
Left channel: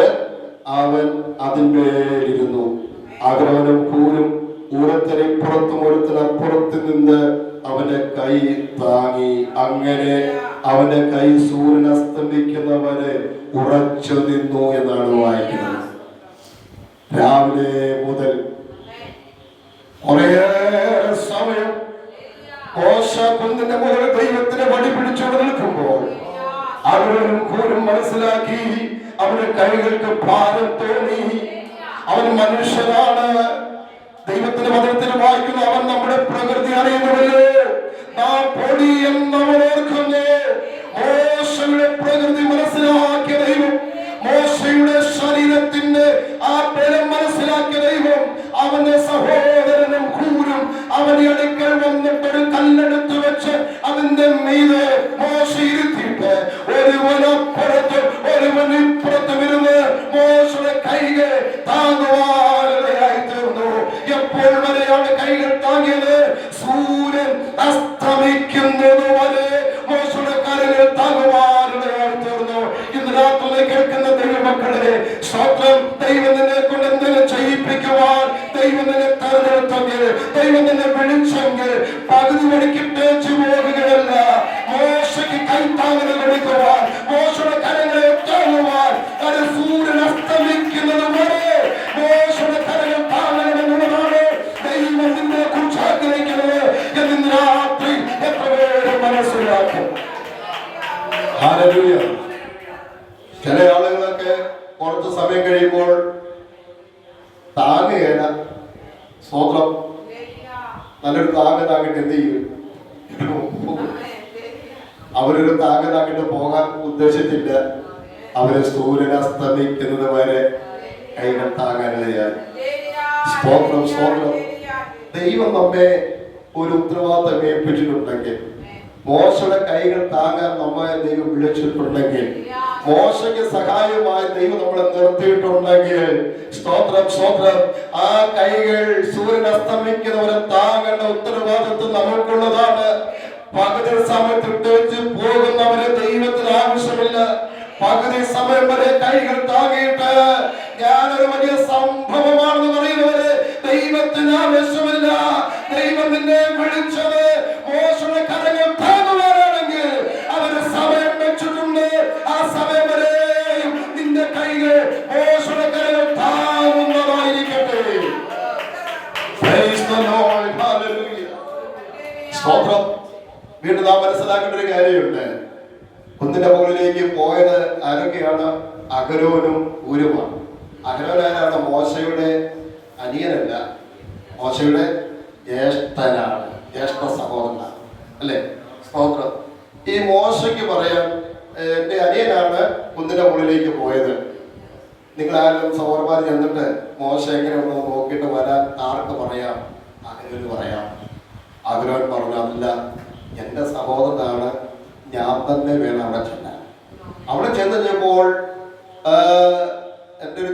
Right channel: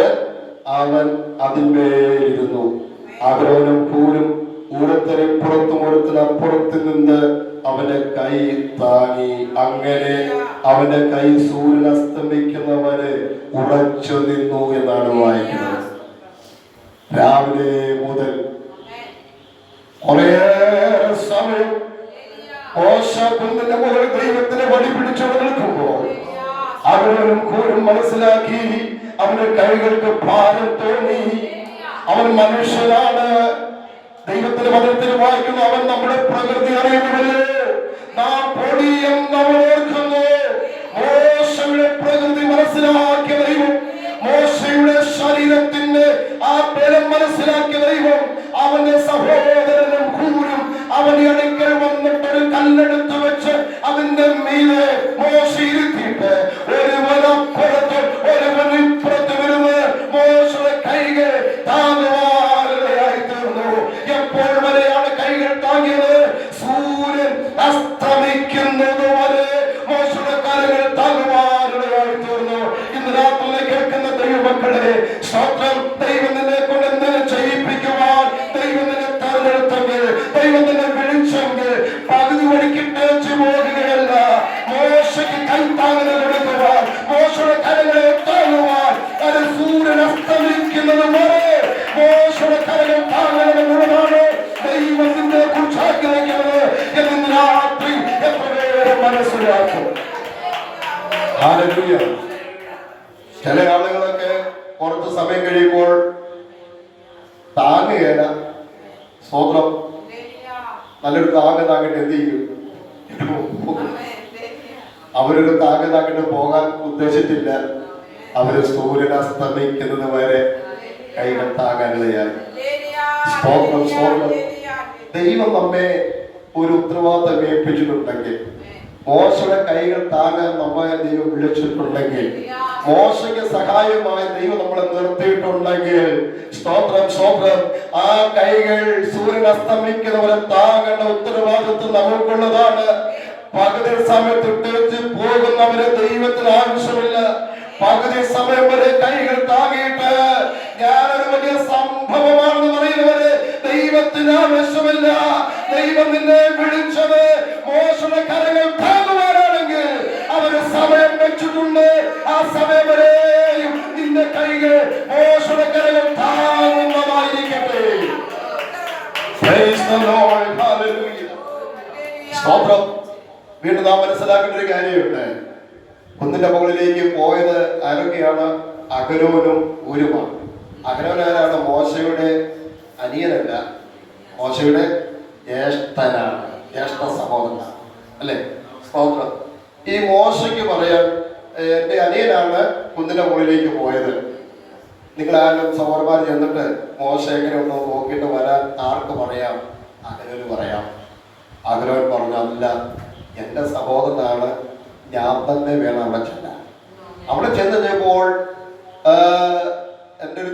അവൻ അതിന്മേലിരുന്നു. അഹരോനും ഹൂരും ഒരുത്തരിപ്പുറത്തും ഒരുത്തരപ്പുറത്ത് നിന്ന് അവന്റെ കൈ താങ്ങി. അങ്ങനെ അവന്റെ കൈ സൂര്യൻ അസ്തമിക്കുന്നവരെ ഉറച്ചു നിന്നു എന്നാണ് വായിക്കുന്നത്. രാവിലെ മുതൽ കുറേ സമയം മോശ കുന്നിന്റെ മുകളിൽ ദൈവത്തിന്റെ വടി പിടിച്ചു നിൽക്കുമ്പോൾ അവനും കൂരും മനസ്സിലാക്കി, അവന്റെ കൈകൾക്ക് ഭാരം തോന്നി. അവൻ മനുഷ്യനാണ്. ദൈവത്തിന്റെ വചനത്തിൽ വായിക്കുന്ന, അവൻ നമ്മുടെ പ്രകൃതി അറിയുന്നവല്ലേ, നാം പൊടി എന്നവൻ ഓർക്കുന്നു. മോശയുടെ പ്രകൃതി മനസ്സിലാക്കിയ ദൈവം, മോശയുടെ ശരീരത്തിന്റെ ആ ബലം മനസ്സിലാക്കിയ ദൈവം അവന്റെ സഹോദരനും കൂരും അവന്റെ അടുക്കൽ വന്നിട്ടൊരു കല്ലെടുത്ത് വെച്ച് അതിന്റെ മീതെ മോശ ഇരുത്തിയിട്ട് ഒരുവനപ്പുറത്ത് ഒരുവനിപ്പുറത്ത് വരുന്ന് മോശയുടെ കൈകൾ താങ്ങുവാനായി തീർന്നു. എപ്പോൾ വരെയാണ് കൈകൾ താങ്ങിയത്? സൂര്യൻ അസ്തമിക്കുന്നത് വരെ മോശയുടെ കൈകൾ താങ്ങുവാനായി തീർന്നു. ഇന്ന് രാത്രി കേൾക്കുന്ന ദൈവമക്കളെ, സ്വന്തം ദൈവം നിന്നെ കൊണ്ട് എന്തെങ്കിലും ചെയ്യിപ്പിക്കുവാൻ ദൈവം നിന്നെ തെരഞ്ഞെടുത്തെങ്കിൽ, ദൈവം നിന്നെ വിളിച്ചെങ്കിൽ പകുതി വഴിക്കിട്ടേച്ചു പോകുകയല്ല. മോശയ്ക്ക് കൈത്താങ്ങുകൾ കൊടുക്കുവാൻ, മോശയുടെ കരങ്ങളെ താങ്ങുവാൻ, അത് സൂര്യൻ അസ്തമിക്കുന്നത് വരെ മോശയുടെ കരകൾ താങ്ങണമെന്നുള്ളതാണ് ദൈവം നിന്നെ കുറിച്ച് ആഗ്രഹിക്കുന്നത് എന്ന് രാത്രി എത്ര പേര് മനസ്സിലാക്കും. ഹല്ലേലൂയ. ചില ആളുകളൊക്കെ കുറച്ച് സമയം കഴിയുമ്പോൾ താങ്ങുകേല. സ്വന്തം നല്ലൊരു താങ്ങാക്കിട്ട് എന്ത് ചെയ്യും? അവരൊരു താങ്ങാക്കിട്ട് പോകാൻ ഉദ്ദേശിച്ചില്ല. അവര് സൂര്യൻ അസ്തമിക്കുന്നത് വരെ കൈകൾ താങ്ങാനിടയായി. സ്തോത്രം, സ്തോത്രം. ദൈവം നമ്മെ ഒരു ഉത്തരവാദിത്തം ഏൽപ്പിച്ചിട്ടുണ്ടെങ്കിൽ, മോശയുടെ കൈകൾ താങ്ങാൻ നമ്മെ ദൈവം വിളിച്ചിട്ടുണ്ടെങ്കിൽ, മോശയ്ക്ക് സഹായമായി ദൈവം നമ്മളെ നിർത്തിയിട്ടുണ്ടെങ്കിൽ, സ്തോത്രം, സ്തോത്രം, ആ കൈകൾ സൂര്യൻ അസ്തമിക്കുന്നവരെ താങ്ങേണ്ട ഉത്തരവാദിത്വം നമുക്കുള്ളതാണ്. പകുതി സമയത്ത് ഇട്ടേച്ച് പോകുന്നവരെ ദൈവത്തിന് ആവശ്യമില്ല. പകുതി സമയം വരെ കൈകൾ താങ്ങിയിട്ട് ഞാനൊരു വലിയ സംഭവമാണെന്ന് പറയുന്നവരെ ദൈവത്തിന് ആവശ്യമില്ല. ദൈവം നിന്നെ വിളിച്ചത് മോശയുടെ കരങ്ങൾ താങ്ങുവാനാണെങ്കിൽ അവര് സമയം വെച്ചിട്ടുണ്ട്. ആ സമയം വരെയും നിന്റെ കൈകൾ മോശയുടെ കരങ്ങൾ താങ്ങുന്നതായിരിക്കട്ടെ. Praise the Lord, hallelujah. സ്തോത്രം. വീണ്ടും നാം മനസ്സിലാക്കേണ്ട ഒരു കാര്യമുണ്ട്. കുന്നിന്റെ മുകളിലേക്ക് പോയത് ആരൊക്കെയാണ്? അഹരോനും ഹൂരുമാണ്. അഹരോൻ ആരാണ്? മോശയുടെ അനിയനല്ല, മോശയുടെ ജ്യേഷ്ഠനാണ്, ജ്യേഷ്ഠ സഹോദരനാണ്, അല്ലേ? സ്തോത്രം. ഈ മോശയ്ക്ക് പറയാൻ, എന്റെ അനിയനാണ് കുന്നിന്റെ മുകളിലേക്ക് പോയത്. നിങ്ങളാരും സഹോദരന്മാർ ചെന്നിട്ട് മോശ എങ്ങനെയുണ്ടോ നോക്കിയിട്ട് വരാൻ ആർക്ക് പറയാം? അഹരോന് പറയാം. അഹരോൻ പറഞ്ഞു, അല്ല, എന്റെ സഹോദരനാണ്, ഞാൻ തന്നെ വേണം അവിടെ ചെല്ലാൻ. അവിടെ ചെന്ന് കഴിഞ്ഞപ്പോൾ എൻ്റെ ഒരു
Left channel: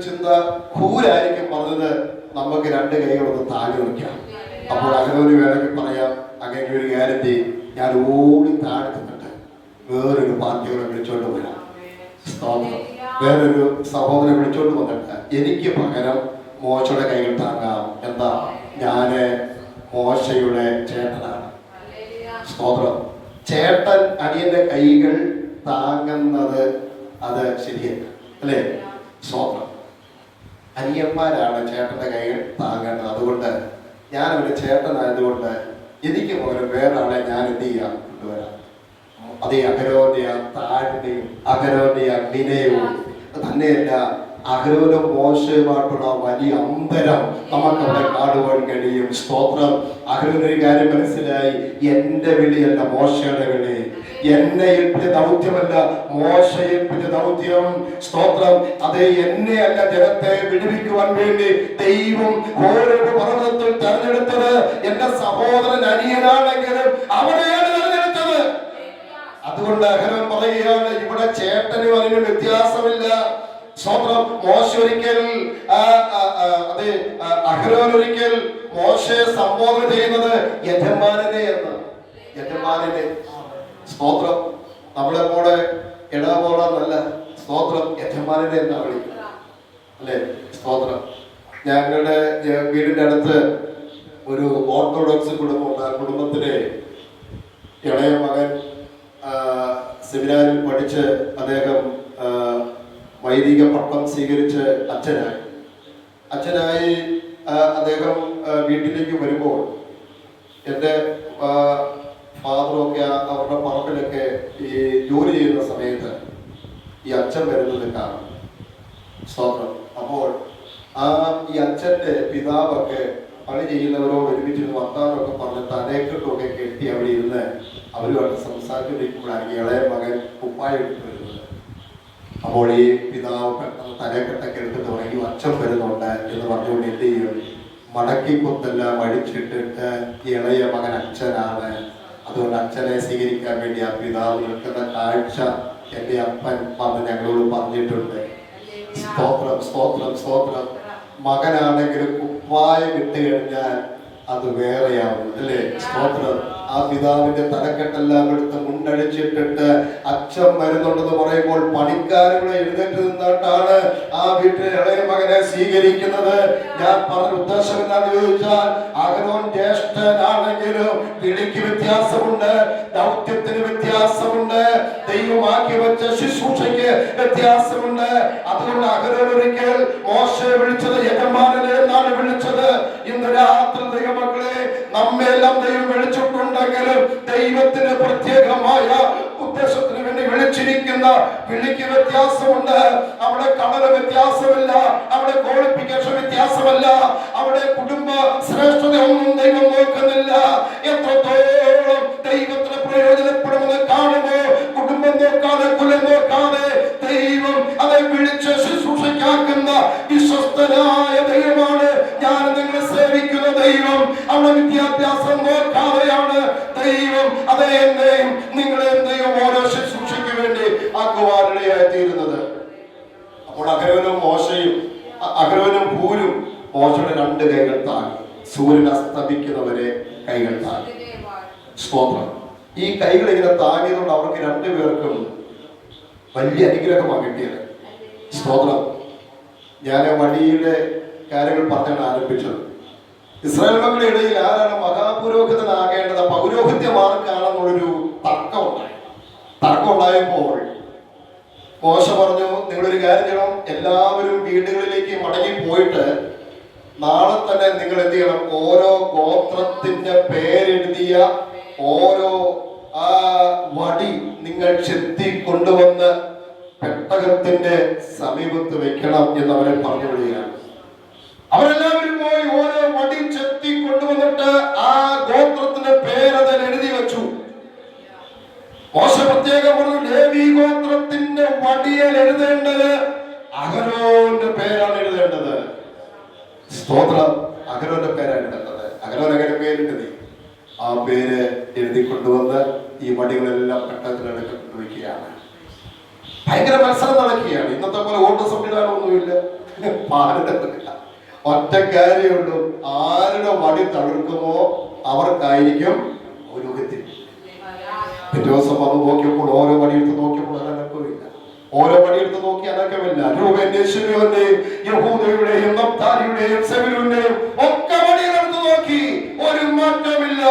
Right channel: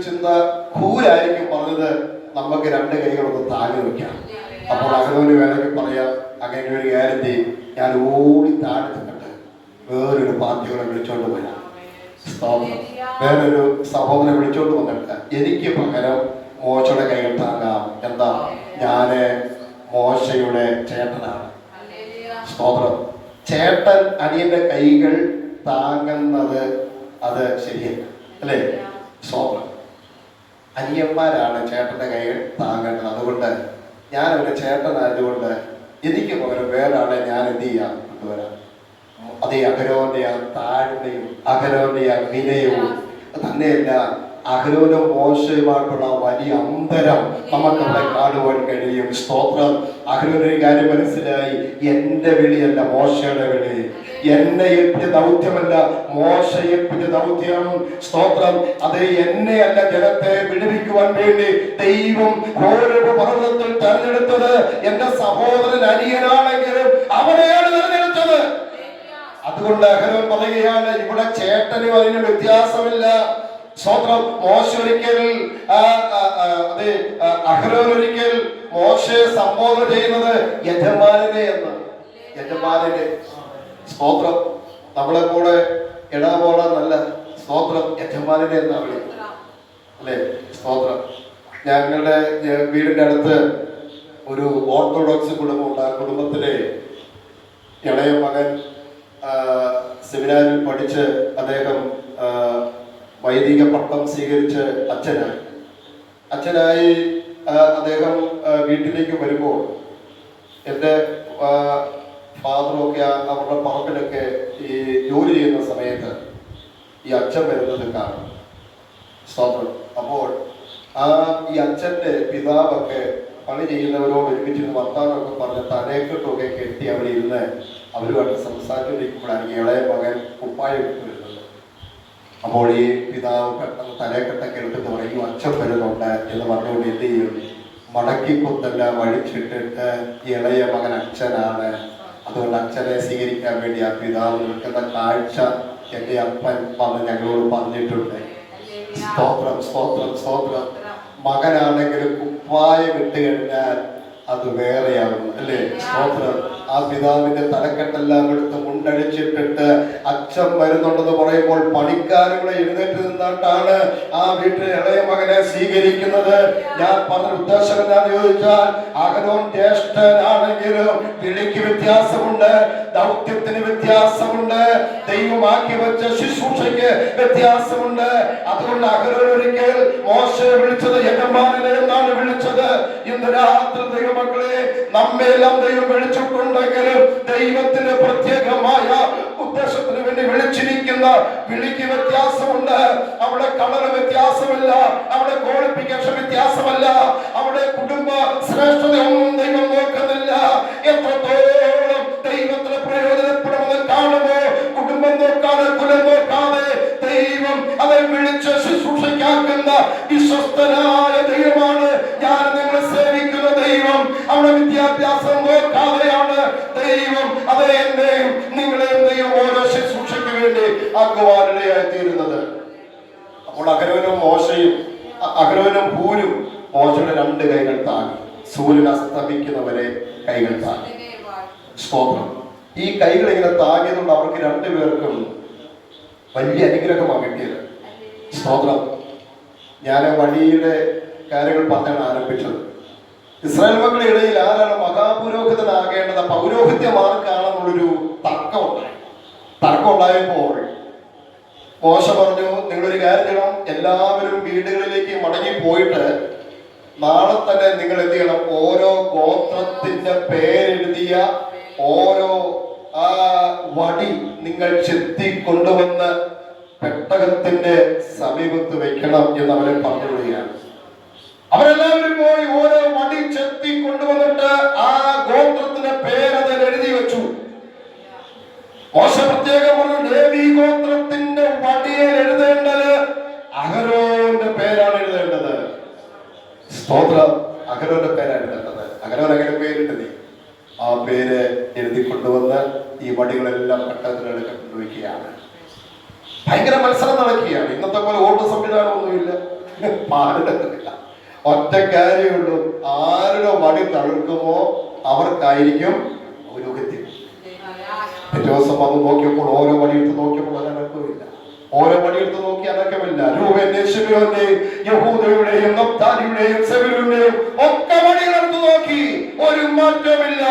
പറഞ്ഞത് നമുക്ക് രണ്ട് കൈകളൊന്ന് താഴെ വയ്ക്കാം. അപ്പോൾ അഹരോന് വേണമെങ്കിൽ പറയാം, അങ്ങനെ ഒരു കാര്യം ചെയ്യും, ഞാൻ ഓടി താഴെ നിന്നിട്ട് വേറൊരു പാർട്ടികളെ വിളിച്ചോണ്ട് വരാം. വേറൊരു സഹോദരനെ വിളിച്ചോണ്ട് വന്നിട്ട് എനിക്ക് പകരം മോശയുടെ കൈകൾ താങ്ങാം. എന്താ, ഞാന് മോശയുടെ ചേട്ടനാണ്. സ്തോത്രം. ചേട്ടൻ അനിയന്റെ കൈകൾ താങ്ങുന്നത് അത് ശരിയല്ല, അല്ലേ? സ്തോത്രം. അനിയന്മാരാണ് ചേട്ടന്റെ കൈകൾ താങ്ങേണ്ടത്. അതുകൊണ്ട് ഞാൻ ഒരു ചേട്ടനായതുകൊണ്ട് എനിക്ക് പകരം വേറെ ആളെ ഞാൻ എന്ത് ചെയ്യാം, കൊണ്ടുവരാം. അതേ അഹരോന്റെ ആ താഴ്മയും അഹരോന്റെ ആ വിനയവും തന്നെയല്ല, അഹരോനും മോശയുമായിട്ടുള്ള വലിയ അന്തരം നമുക്കവിടെ കാണുവാൻ കഴിയും. സ്തോത്രം. അഹരോനൊരു കാര്യം മനസ്സിലായി, എന്റെ വിളിയല്ല മോശയുടെ വിളി, എന്നെ ഏൽപ്പിച്ച ദൗത്യമല്ല മോശ ഏൽപ്പിച്ച ദൗത്യം. സ്തോത്രം. അത് എന്നെയല്ല ജനത്തെ വിടുവിക്കുവാൻ വേണ്ടി ദൈവം ഓരോ പർവ്വതത്തിൽ തെരഞ്ഞെടുത്തത് എന്റെ സഹോദരൻ അനിയനാണെങ്കിലും അവനെയാണ് തെരഞ്ഞെടുത്തത്. അതുകൊണ്ട് അഹരോൻ പറയുകയാണ്, ഇവിടെ ചേട്ടനും അതിന് വ്യത്യാസമില്ല. സ്തോത്രം. മോശ ഒരിക്കൽ അഹരോൻ ഒരിക്കൽ മോശയെ സംബോധന ചെയ്യുന്നത് യജമാനനെ എന്ന്. യജമാനനെ. സ്തോത്രം. നമ്മളെ പോലെ ഇടപോലെന്നല്ല. സ്തോത്രം. യജമാനനെ എന്നാ വിളിക്കുന്നത്, അല്ലേ? സ്തോത്രം. ഞങ്ങളുടെ വീടിന്റെ അടുത്ത് ഒരു ഓർത്തഡോക്സ് കുടുംബമുണ്ട്. ആ കുടുംബത്തിലെ ഇളയ മകൻ സെമിനാരിൽ പഠിച്ച് അദ്ദേഹം വൈദിക പട്ടം സ്വീകരിച്ച് അച്ഛനായി അദ്ദേഹം വീട്ടിലേക്ക് വരുമ്പോൾ എൻ്റെ ഫാദറൊക്കെ അവരുടെ പറമ്പിലൊക്കെ ഈ ജോലി ചെയ്യുന്ന സമയത്ത് ഈ അച്ഛൻ വരുന്നത് കാണും. സ്തോത്രം. അപ്പോൾ ഈ അച്ഛൻ്റെ പിതാവൊക്കെ പണി ചെയ്യുന്നവരോട് ഒരുമിച്ചിരുന്ന് വർത്താനമൊക്കെ പറഞ്ഞ് തലക്കെട്ടൊക്കെ കെട്ടി അവിടെ ഇരുന്ന് അവരുമായിട്ട് സംസാരിച്ചുകൊണ്ടിരിക്കുമ്പോഴാണ് ഇളയ മകൻ കുപ്പായം എടുത്ത് വരുന്നത്. അപ്പോൾ ഈ പിതാവ് പെട്ടെന്ന് തലക്കെട്ടൊക്കെ എടുത്തിട്ട് പറയും, അച്ഛൻ വരുന്നുണ്ട് എന്ന് പറഞ്ഞുകൊണ്ട് എന്ത് ചെയ്യും, മടക്കിപ്പൊത്തെല്ലാം അഴിച്ചിട്ടിട്ട് ഇളയ മകൻ അച്ഛനാണ്, അതുകൊണ്ട് അച്ഛനെ സ്വീകരിക്കാൻ വേണ്ടി ആ പിതാവ് നിൽക്കുന്ന കാഴ്ച എൻ്റെ അപ്പൻ വന്ന് ഞങ്ങളോട് പറഞ്ഞിട്ടുണ്ട്. സ്തോത്രം. സ്തോത്രം. സ്തോത്രം. മകനാണെങ്കിലും കുപ്പായം ഇട്ട് കഴിഞ്ഞാൽ അത് വേറെയാകും, അല്ലേ? സ്തോത്രം. ആ പിതാവിന്റെ തലക്കെട്ടെല്ലാം എടുത്ത് മുണ്ടടിച്ചിട്ടിട്ട് അച്ഛൻ വരുന്നുണ്ടെന്ന് പറയുമ്പോൾ പണിക്കാരുടെ എഴുന്നേറ്റ് നിന്നിട്ടാണ് ആ വീട്ടിലെ ഇളയ മകനെ സ്വീകരിക്കുന്നത്. ഞാൻ പറഞ്ഞ ഉദ്ദേശം എന്താണെന്ന് ചോദിച്ചാൽ, അഹരോൻ ജ്യേഷ്ഠനാണെങ്കിലും വിളിക്ക് വ്യത്യാസമുണ്ട്, ദൗത്യത്തിന് വ്യത്യാസമുണ്ട്, ദൈവമാക്കി വെച്ച ശുശ്രൂഷയ്ക്ക് വ്യത്യാസമുണ്ട്. അതുകൊണ്ട് അഹരോൻ ഒരിക്കൽ മോശയെ വിളിച്ചത് യജമാനനെ എന്നാണ് വിളിച്ചത്. ഇന്ന് രാത്രി ദൈവമക്കളെ, നമ്മെല്ലാം ദൈവം വിളിച്ചിട്ടുണ്ടെങ്കിലും ദൈവത്തിന് പ്രത്യേകമായ ഉദ്ദേശത്തിന് വേണ്ടി വിളിച്ചിരിക്കുന്ന വിളിക്ക് വ്യത്യാസമുണ്ട്. അവിടെ കളർ വ്യത്യാസമില്ല, അവിടെ ക്വാളിഫിക്കേഷൻ വ്യത്യാസമല്ല, അവിടെ കുടുംബ ശ്രേഷ്ഠതയൊന്നും ദൈവം നോക്കുന്നില്ല. എത്രത്തോളം ദൈവത്തിന് പ്രയോജനപ്പെടുമെന്ന് കാണുമോ, കുടുംബം നോക്കാതെ കുലം നോക്കാതെ ദൈവം அதை വിളിച്ച് ശുശ്രൂഷയ്ക്കാക്കുന്ന വിശ്വസ്തനായ ദൈവമാണ് ഞാൻ നിങ്ങളെ സേവിക്കുന്ന ദൈവം. അവിടെ വിദ്യാഭ്യാസം നോക്കാതെയാണ് ദൈവം എന്നെയും നിങ്ങളെയും ദൈവം ഓരോ ശുശ്രൂഷയ്ക്ക് വേണ്ടി ആക്കുവാനിടയായി തീരുന്നത്. അപ്പോൾ അഹരോനും ഹൂരും മോശയുടെ രണ്ട് കൈകൾ താങ്ങി, സൂര്യൻ അസ്തമിക്കുന്നവരെ കൈകൾ താങ്ങി. സ്തോത്രം. ഈ കൈകൾ ഇങ്ങനെ താങ്ങിയതുകൊണ്ട് അവർക്ക് രണ്ടുപേർക്കും വലിയ അനുഗ്രഹമാണ് കിട്ടിയത്. സ്തോത്രം. ഞാൻ വഴിയുടെ കാര്യങ്ങൾ പറഞ്ഞാണ് ആരംഭിച്ചത്. ഇസ്രായേൽ മക്കളുടെ ഇടയിൽ ആരാണ് മഹാപുരോഹിതനാകേണ്ടത്, പൗരോഹിത്യം ആർക്കാണെന്നുള്ളൊരു തർക്കം ഉണ്ടായപ്പോൾ മോശ പറഞ്ഞു, നിങ്ങളൊരു കാര്യം ചെയ്യണം, എല്ലാവരും വീടുകളിലേക്ക് മടങ്ങി പോയിട്ട് നാളെ തന്നെ നിങ്ങൾ എന്ത് ചെയ്യണം, ഓരോ ഗോത്രത്തിന്റെ പേരെഴുതിയ ഓരോ വടി നിങ്ങൾ ചെത്തി കൊണ്ടുവന്ന് പെട്ടകത്തിന്റെ സമീപത്ത് വെക്കണം എന്ന് അവരെ പറഞ്ഞുകൊള്ളുകയാണ്. അവരെല്ലാവരും പോയി ഓരോ വടി ചെത്തി കൊണ്ടുവന്നിട്ട് ആ ഗോത്രത്തിന്റെ പേരതിൽ എഴുതി വെച്ചു. മോശ പ്രത്യേകം പറഞ്ഞു, ലേവി ഗോത്രത്തിന്റെ വടിയിൽ എഴുതേണ്ടത് അഹരോന്റെ പേരാണ് എഴുതേണ്ടത്. സ്തോത്രം. അഹരോന്റെ പേരാണ് എഴുതേണ്ടത്. അഹരോൻ അങ്ങനെ പേരിട്ടത്. ആ പേര് എഴുതി കൊണ്ടുവന്ന് ഈ വടികളെല്ലാം പെട്ടകത്തിലെടുത്ത് കൊണ്ടുവയ്ക്കുകയാണ്. ഭയങ്കര മത്സരം നടക്കുകയാണ്. ഇന്നത്തെ പോലെ വോട്ട് സംവിധാനമൊന്നുമില്ല, പാടുന്നില്ല. ഒറ്റ കാര്യമുള്ളൂ, ആരുടെ വടി തടുക്കുമോ അവർക്കായിരിക്കും പുരോഗതി. പിറ്റേ ദിവസം വന്ന് നോക്കിയപ്പോൾ ഓരോ വടിയെടുത്ത് നോക്കിയപ്പോൾ അനക്കമില്ല. ഓരോ വടിയെടുത്ത് നോക്കി അനക്കമില്ല. രൂപന്റെയും ശിമയോന്റെയും യഹൂദയുടെയും നഫ്താലിയുടെയും സെബൂലൂന്റെയും ഒക്കെ വടിയെടുത്ത് നോക്കി, ഒരു മാറ്റമില്ല.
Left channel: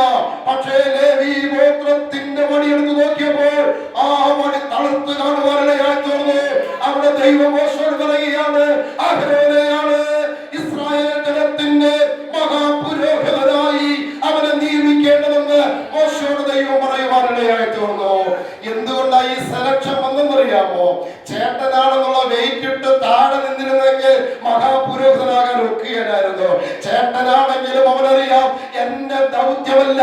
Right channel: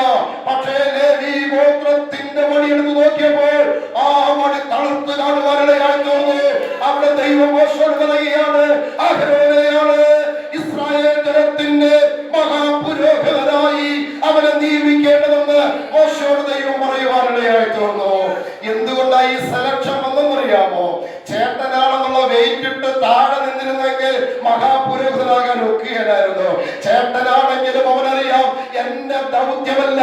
പക്ഷേ ലേവി ഗോത്രത്തിന്റെ വടിയെടുത്ത് നോക്കിയപ്പോൾ ആ വടി തളുത്ത് കാണുവാനിടയായി തോന്നുന്നു. അവിടെ ദൈവം മോശയോട് പറയുകയാണ്, അഹരോനെയാണ് ഇസ്രായേൽ ജനത്തിന്റെ മഹാപുരോഹിതനായി അവനെ നിയമിക്കേണ്ടതെന്ന് മോശയോട് ദൈവം പറയുവാനിടയായി തോന്നുന്നു. എന്തുകൊണ്ടായി സെലക്ഷൻ വന്നെന്നറിയാമോ? ചേട്ടനാണെന്നുള്ള വെയിറ്റ് ഇട്ട് താഴെ നിന്നിരുന്നെങ്കിൽ മഹാപുരോഹിതനാകാൻ ഒക്കുകയായിരുന്നു. ചേട്ടനാണെങ്കിലും അവനറിയാം, എന്റെ ദൗത്യമല്ല,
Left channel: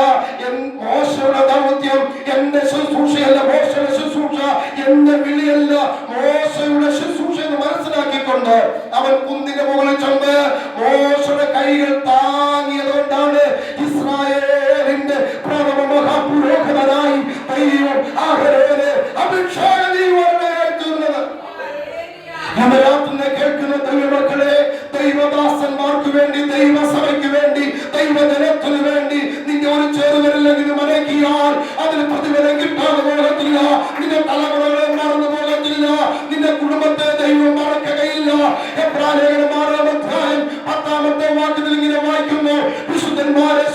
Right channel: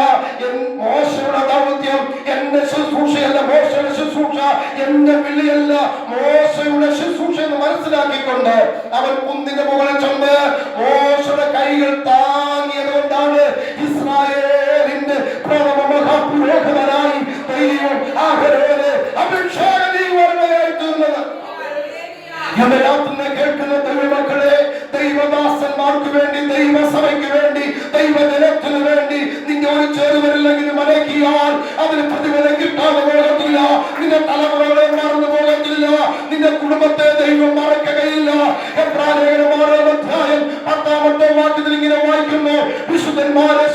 മോശയുടെ ദൗത്യം, എന്റെ ശുശ്രൂഷയല്ല, മോശയുടെ ശുശ്രൂഷ എന്റെ വിളിയല്ല, മോശയുടെ ശുശ്രൂഷ എന്ന് മനസ്സിലാക്കിക്കൊണ്ട് അവൻ കുന്നിന്റെ മുകളിൽ ചെന്ന് മോശയുടെ കൈകൾ താങ്ങിയതുകൊണ്ടാണ് ഇസ്രായേലിന്റെ പ്രഥമ മഹാപുരോഹിതനായി ദൈവം അഹരോനെ അഭിഷേകം ചെയ്യുവാനിടയായി തീർന്നത്. ഇന്ന് രാത്രി കേൾക്കുന്ന ദൈവമക്കളെ, ദൈവദാസന്മാർക്ക് വേണ്ടി, ദൈവസഭയ്ക്ക് വേണ്ടി, ദൈവജനത്തിന് വേണ്ടി നിന്നെ ഒരു ചേരുവരില്ലെങ്കിലും അടക്കിയാൽ അതിന് പ്രതിഫലം കിട്ടാതെ പോകത്തില്ല. നിന്റെ തലമുറകളെ മറന്നു പോകത്തില്ല. നിന്റെ കുടുംബത്തെ ദൈവം മറക്കുകയില്ല. എബ്രായലേഖനം 6-ാം അധ്യായം 10-ാമത്തെ വാക്യത്തിൽ ഇങ്ങനെ വായിക്കുന്നു, വിശുദ്ധന്മാരെ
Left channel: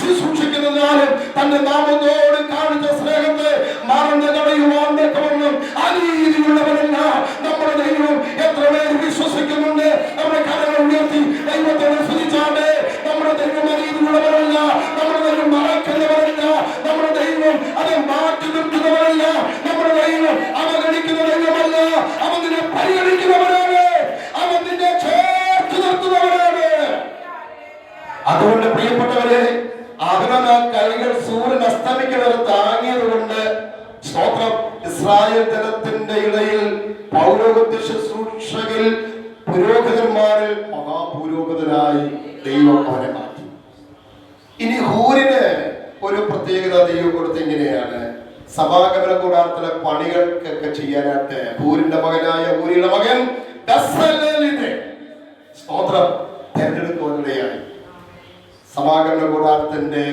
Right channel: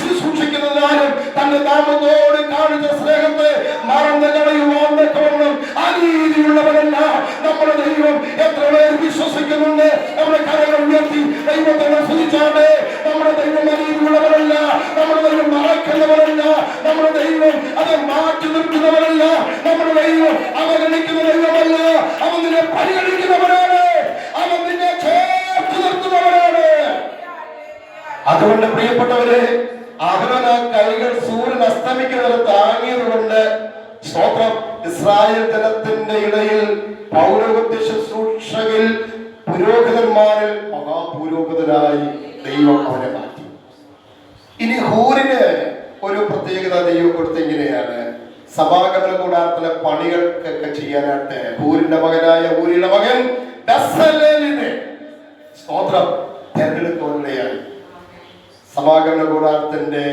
ശുശ്രൂഷിക്കുന്നതിനാലും തന്റെ നാമത്തോട് കാണിച്ച സ്നേഹത്തെ മറന്നു കളയുവാൻ തക്കവണ്ണം അനീതിയുള്ളവനല്ല നമ്മുടെ ദൈവം. എത്ര പേർ വിശ്വസിക്കുന്നുണ്ട്? നമ്മുടെ കരങ്ങൾ ഉയർത്തി ദൈവത്തെ സ്തുതിച്ചാണ്ട്. നമ്മുടെ ദൈവം അനീതിയുള്ളവരല്ല, നമ്മുടെ ദൈവം മറക്കുന്നവരല്ല, നമ്മുടെ ദൈവം അത് മാറ്റി നിർത്തുന്നവരല്ല, നമ്മുടെ ദൈവം അവഗണിക്കുന്ന ദൈവമല്ല. അവൻ നിന്നെ പരിഗണിക്കുന്നവരാണ്, അവൻ നിന്നെ ചേർത്ത് നിർത്തുന്നവരാണ്. അതുകൊണ്ട് പ്രിയപ്പെട്ടവരെ, അവൻ ആ കൈകൾ സൂര്യൻ അസ്തമിക്കുന്നത് താങ്ങിയത് കൊണ്ട് സ്തോത്രം, ഇസ്രായേൽ ജനത്തിന്റെ ഇടയിൽ പൗരോഹിത്യ ശുശ്രൂഷയിൽ പുരോഹിതന്മാരിൽ മഹാപുരോഹിതനായി ദൈവം അവനെ മാറ്റി. ഇനി ഹൂരിന് ഒരു പ്രത്യേകത ദൈവം കൊടുത്ത ഇങ്ങനെയാണ്, സമാഗമന കൂടാരത്തിലെ പണികൾക്കൊക്കെ ചെയ്യാനായിട്ട് ഹൂരിന്റെ മകനായ ഊരിയുടെ മകൻ ബെസലേലിനെ സ്തോത്രം തെരഞ്ഞെടുക്കുകയായി. സമാഗമന കൂടാരത്തിന്റെ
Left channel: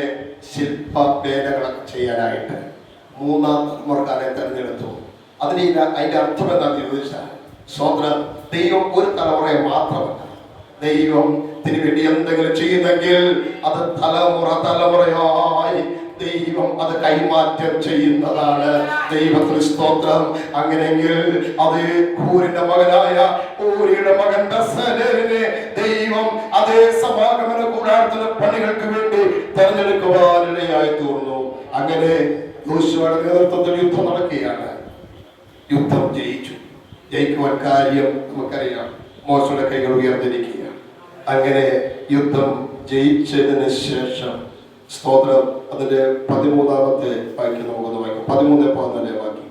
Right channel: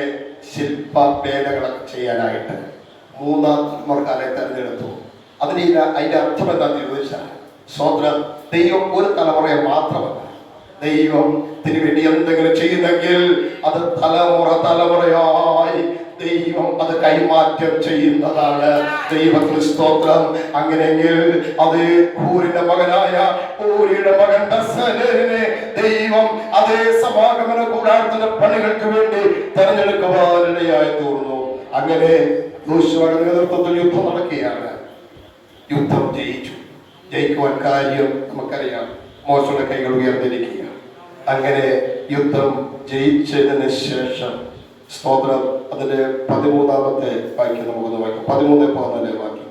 ശില്പഭേദങ്ങളൊക്കെ ചെയ്യാനായിട്ട് 3-ാം തലമുറക്കാരെ തെരഞ്ഞെടുത്തു. അതിന്റെ അർത്ഥം എന്താണെന്ന് ചോദിച്ചാൽ, സ്വന്തം ദൈവം ഒരു തലമുറയെ മാത്രമല്ല, ദൈവം തിരുവേണ്ടി എന്തെങ്കിലും ചെയ്യുന്നെങ്കിൽ അത് തലമുറയായി ദൈവം അത് കൈമാറ്റം ചെയ്യുന്നതാണ്. ദൈവത്തിന് സ്തോത്രം. അങ്ങനെയെങ്കിൽ അത് ഹൂരിന്റെ മകനായ ഊരിയുടെ മകൻ ബെസലേലിനെ ദൈവം അതേ സമാഗമന കൂടാരത്തിന്റെ പണികൾക്ക് വേണ്ടി തെരഞ്ഞെടുക്കുവാനിടയായി തീർന്നു. അങ്ങനെ യോശുവയുടെ നേതൃത്വത്തിൽ യുദ്ധം നടക്കുകയാണ്. യുദ്ധം ജയിച്ചു. ജയിക്കുവാൻ കാര്യം നമുക്കറിയാം, മോശയുടെ കൈകൾ ഉയർന്നിരിക്കുക. അങ്ങനെ യുദ്ധം ജയിച്ചതിന് ശേഷം സ്തോത്രം അതിന്റെ 13-ാമത്തെ വാക്യം നമുക്കൊന്ന് വായിക്കാം. 13-14 വാക്യം.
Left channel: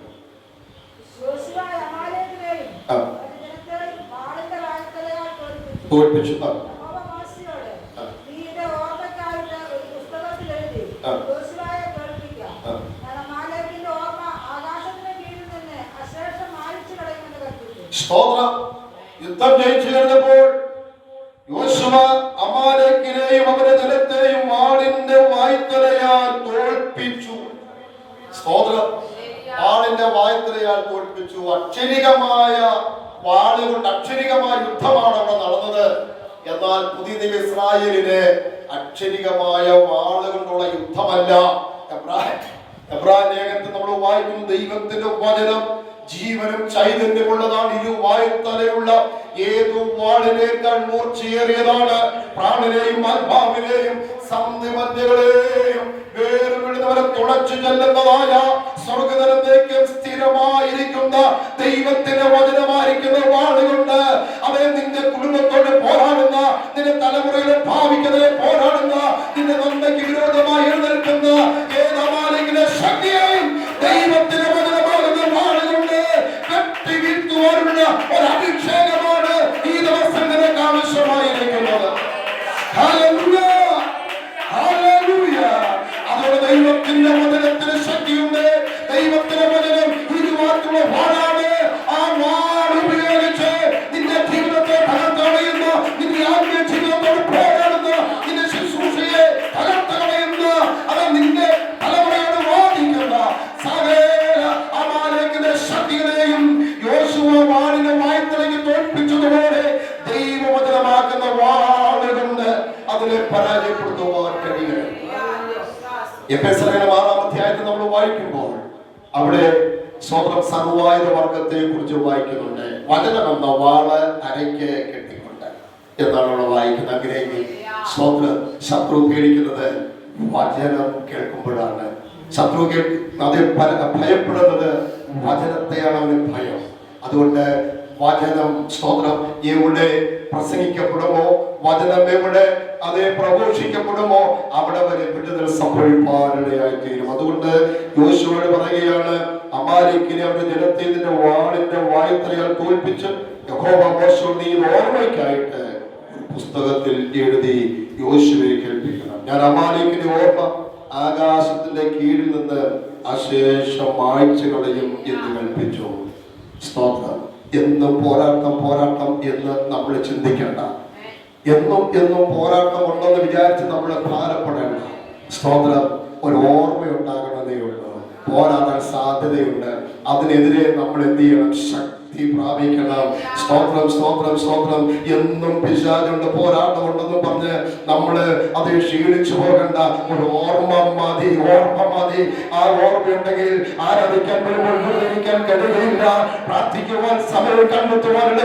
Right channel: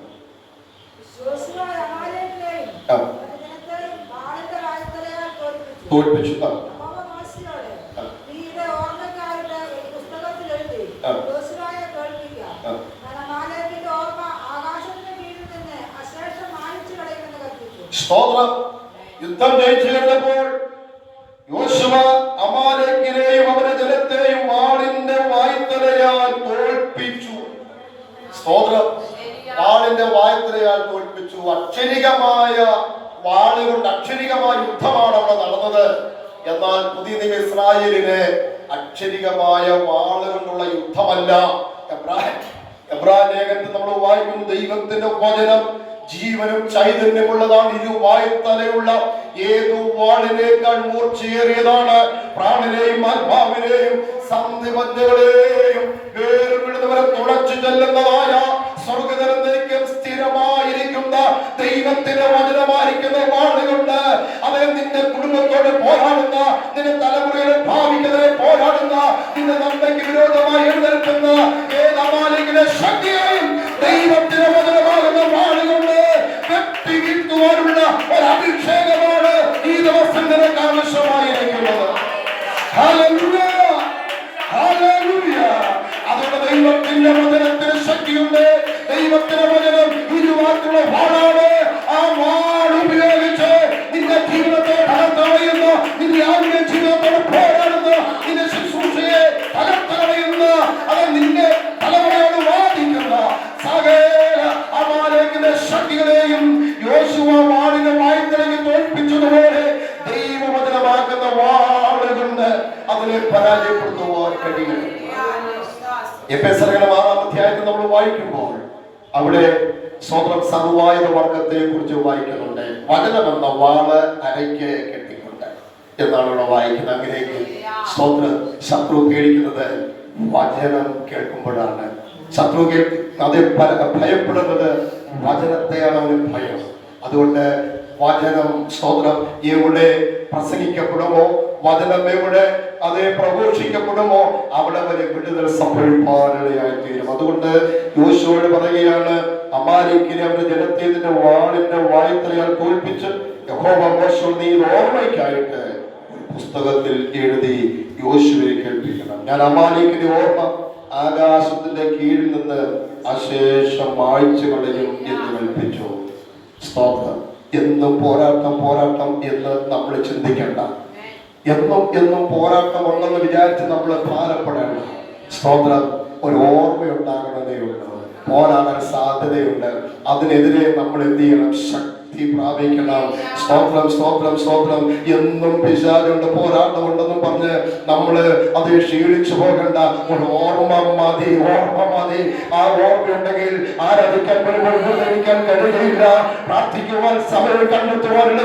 തോൽപ്പിച്ചു. സ്തോത്രം. യുദ്ധം ജയിച്ചു കഴിഞ്ഞപ്പോൾ യോശുവ അമാലേക്കിനെയും അവന്റെ ജനത്തെയും വാളിന്റെ വായ്ത്തലയാൽ തോൽപ്പിച്ചു. സ്തോത്രം. വാളിന്റെ വായ്ത്തലയാൽ തോൽപ്പിച്ചു. അക്ഷരികമായ വാളുകൊണ്ട് അക്ഷരികമായ യുദ്ധമാണ് അവിടെ നടന്നത്. എന്നാൽ പുതിയ നിയമ ഇസ്രായേലിന് അക്ഷരികമായ വാളുകൊണ്ടുള്ള യുദ്ധമല്ല. എബ്രായ ലേഖനത്തിൽ നമ്മൾ വായിക്കും, ദൈവത്തിന്റെ വചനം ജീവനും ചൈതന്യമുള്ളതാണ്, ഇരുവായ്ത്തലയുള്ള ഏതു വാളിനേക്കാൾ മൂർച്ചയേറിയതാണ്, പ്രാണനെയും ആത്മാവിനെയും സന്ധിമധ്യങ്ങളെയും വേർപിടുന്നവരെ തുളച്ചു ചെല്ലുന്നതായ സ്വർഗ്ഗതലത്തേക്ക് സ്ഥിരമായിരിക്കുന്ന ദൈവത്തിന്റെ വചനമായിരിക്കുന്ന വാളുകൊണ്ട് അവൻ നിന്റെ കുടുംബത്തോട് പോരാടുന്ന, നിന്റെ തലമുറയുടെ ഭാവിക്കെതിരെ പോരാടുന്ന, നിന്റെ നന്മയ്ക്ക് വിരോധമായി എഴുന്നേൽക്കുന്ന ഏതാമാലിന്റെ ശക്തിയെയും ദൈവത്തിന്റെ വചനമാകുന്ന വാളുകൊണ്ട് വെട്ടി വീഴ്ത്തുവാനുള്ള ഒരു അഭിഷേകമാണ് ഈ ദിവസം നിനക്ക് ആവശ്യമായിരിക്കുന്നത്. Hallelujah, hallelujah. അതുകൊണ്ട് ദൈവത്തിന്റെ വചനത്തിന് ശക്തിയുണ്ട്. ദൈവത്തിന്റെ വചനം ഇരുവാക്കുള്ള വാളാണ്. ആ എഫെസ്യർ 6-ാം അധ്യായത്തിൽ നമ്മൾ വായിക്കുമ്പോൾ അവിടെ സ്വന്തം സർവായുധ വർഗത്തെ കുറിച്ച് വായിക്കുന്നുണ്ട്. വചനമെന്ന വാള് അരയ്ക്ക് കെട്ടിക്കൊണ്ട് എന്നാണ് അവിടെ വായിക്കുന്നത്. അങ്ങനെയെങ്കിൽ സ്വന്തം ശത്രു പേടിക്കുന്നത് വചനം കേൾക്കുമ്പോഴാണ്. ശത്രു അത് ഭയപ്പെടുന്നത് വചനത്തെയാണ് അവന് ഭയം. അതുകൊണ്ട് വചനം സ്തോത്രം എവിടെ പ്രസംഗിക്കപ്പെടുമോ, വചനം എവിടെ അത് പ്രഘോഷിക്കപ്പെടുമോ അവിടെ വരെ വിടുതൽ സംഭവിക്കാനിടയായി തീരും. അതുകൊണ്ട് യോശുവയോട് പറയുകയാണ്, അമാലേക്കിനെ അവന്റെ ജനത്തെ നിന്റെ വാളിന്റെ വായത്തിൽ തോൽപ്പിച്ച് യഹോവ മോശയോട് നീ ഓർമ്മയ്ക്കായിട്ട് പുസ്തകത്തിൽ എഴുതി യോശുവയെ കേൾപ്പിക്കണം. ഞാൻ അമാലേക്കിന്റെ ഓർമ്മ ആകാശത്തിന്റെ കീഴിൽ നിന്ന് അശേഷം മായ്ച്ചു കളയും എന്ന് കൽപ്പിച്ചു. സ്തോത്രം. എന്നും പോരാട്ടം പോരാട്ടം എന്ന് നമ്മൾ ചിന്തിക്കേണ്ട. എന്നും പോരാട്ടം ഉണ്ടെന്ന് വിചാരിച്ച് നമ്മൾ ഭാരപ്പെടേണ്ട. സ്തോത്രം. ഒരു ഓർമ്മയുണ്ടാകണമെന്നേ ഉള്ളൂ. പോരാടാൻ സാധ്യതയുണ്ട്. അതിനെതിരെ നമ്മൾ എന്ത് ചെയ്യണം? ശക്തി പ്രാപിക്കണം. സ്തോത്രം സ്തോത്രം സ്തോത്രം. എന്നും പിശാചുണ്ട്, പോരാട്ടമുണ്ടെന്ന് പറഞ്ഞ് നമ്മള് അത് ക്ഷീണിച്ചു പോകണ്ട. ഒരു ഓർമ്മ മതി, ഓർമ്മ മതി. ആ ഓർമ്മയുണ്ടെങ്കിൽ ആരാധിക്കാൻ വരുമ്പോൾ കഴിയില്ല. പ്രാർത്ഥിക്കുവാൻ സമയം കണ്ടെത്തുവാനുള്ള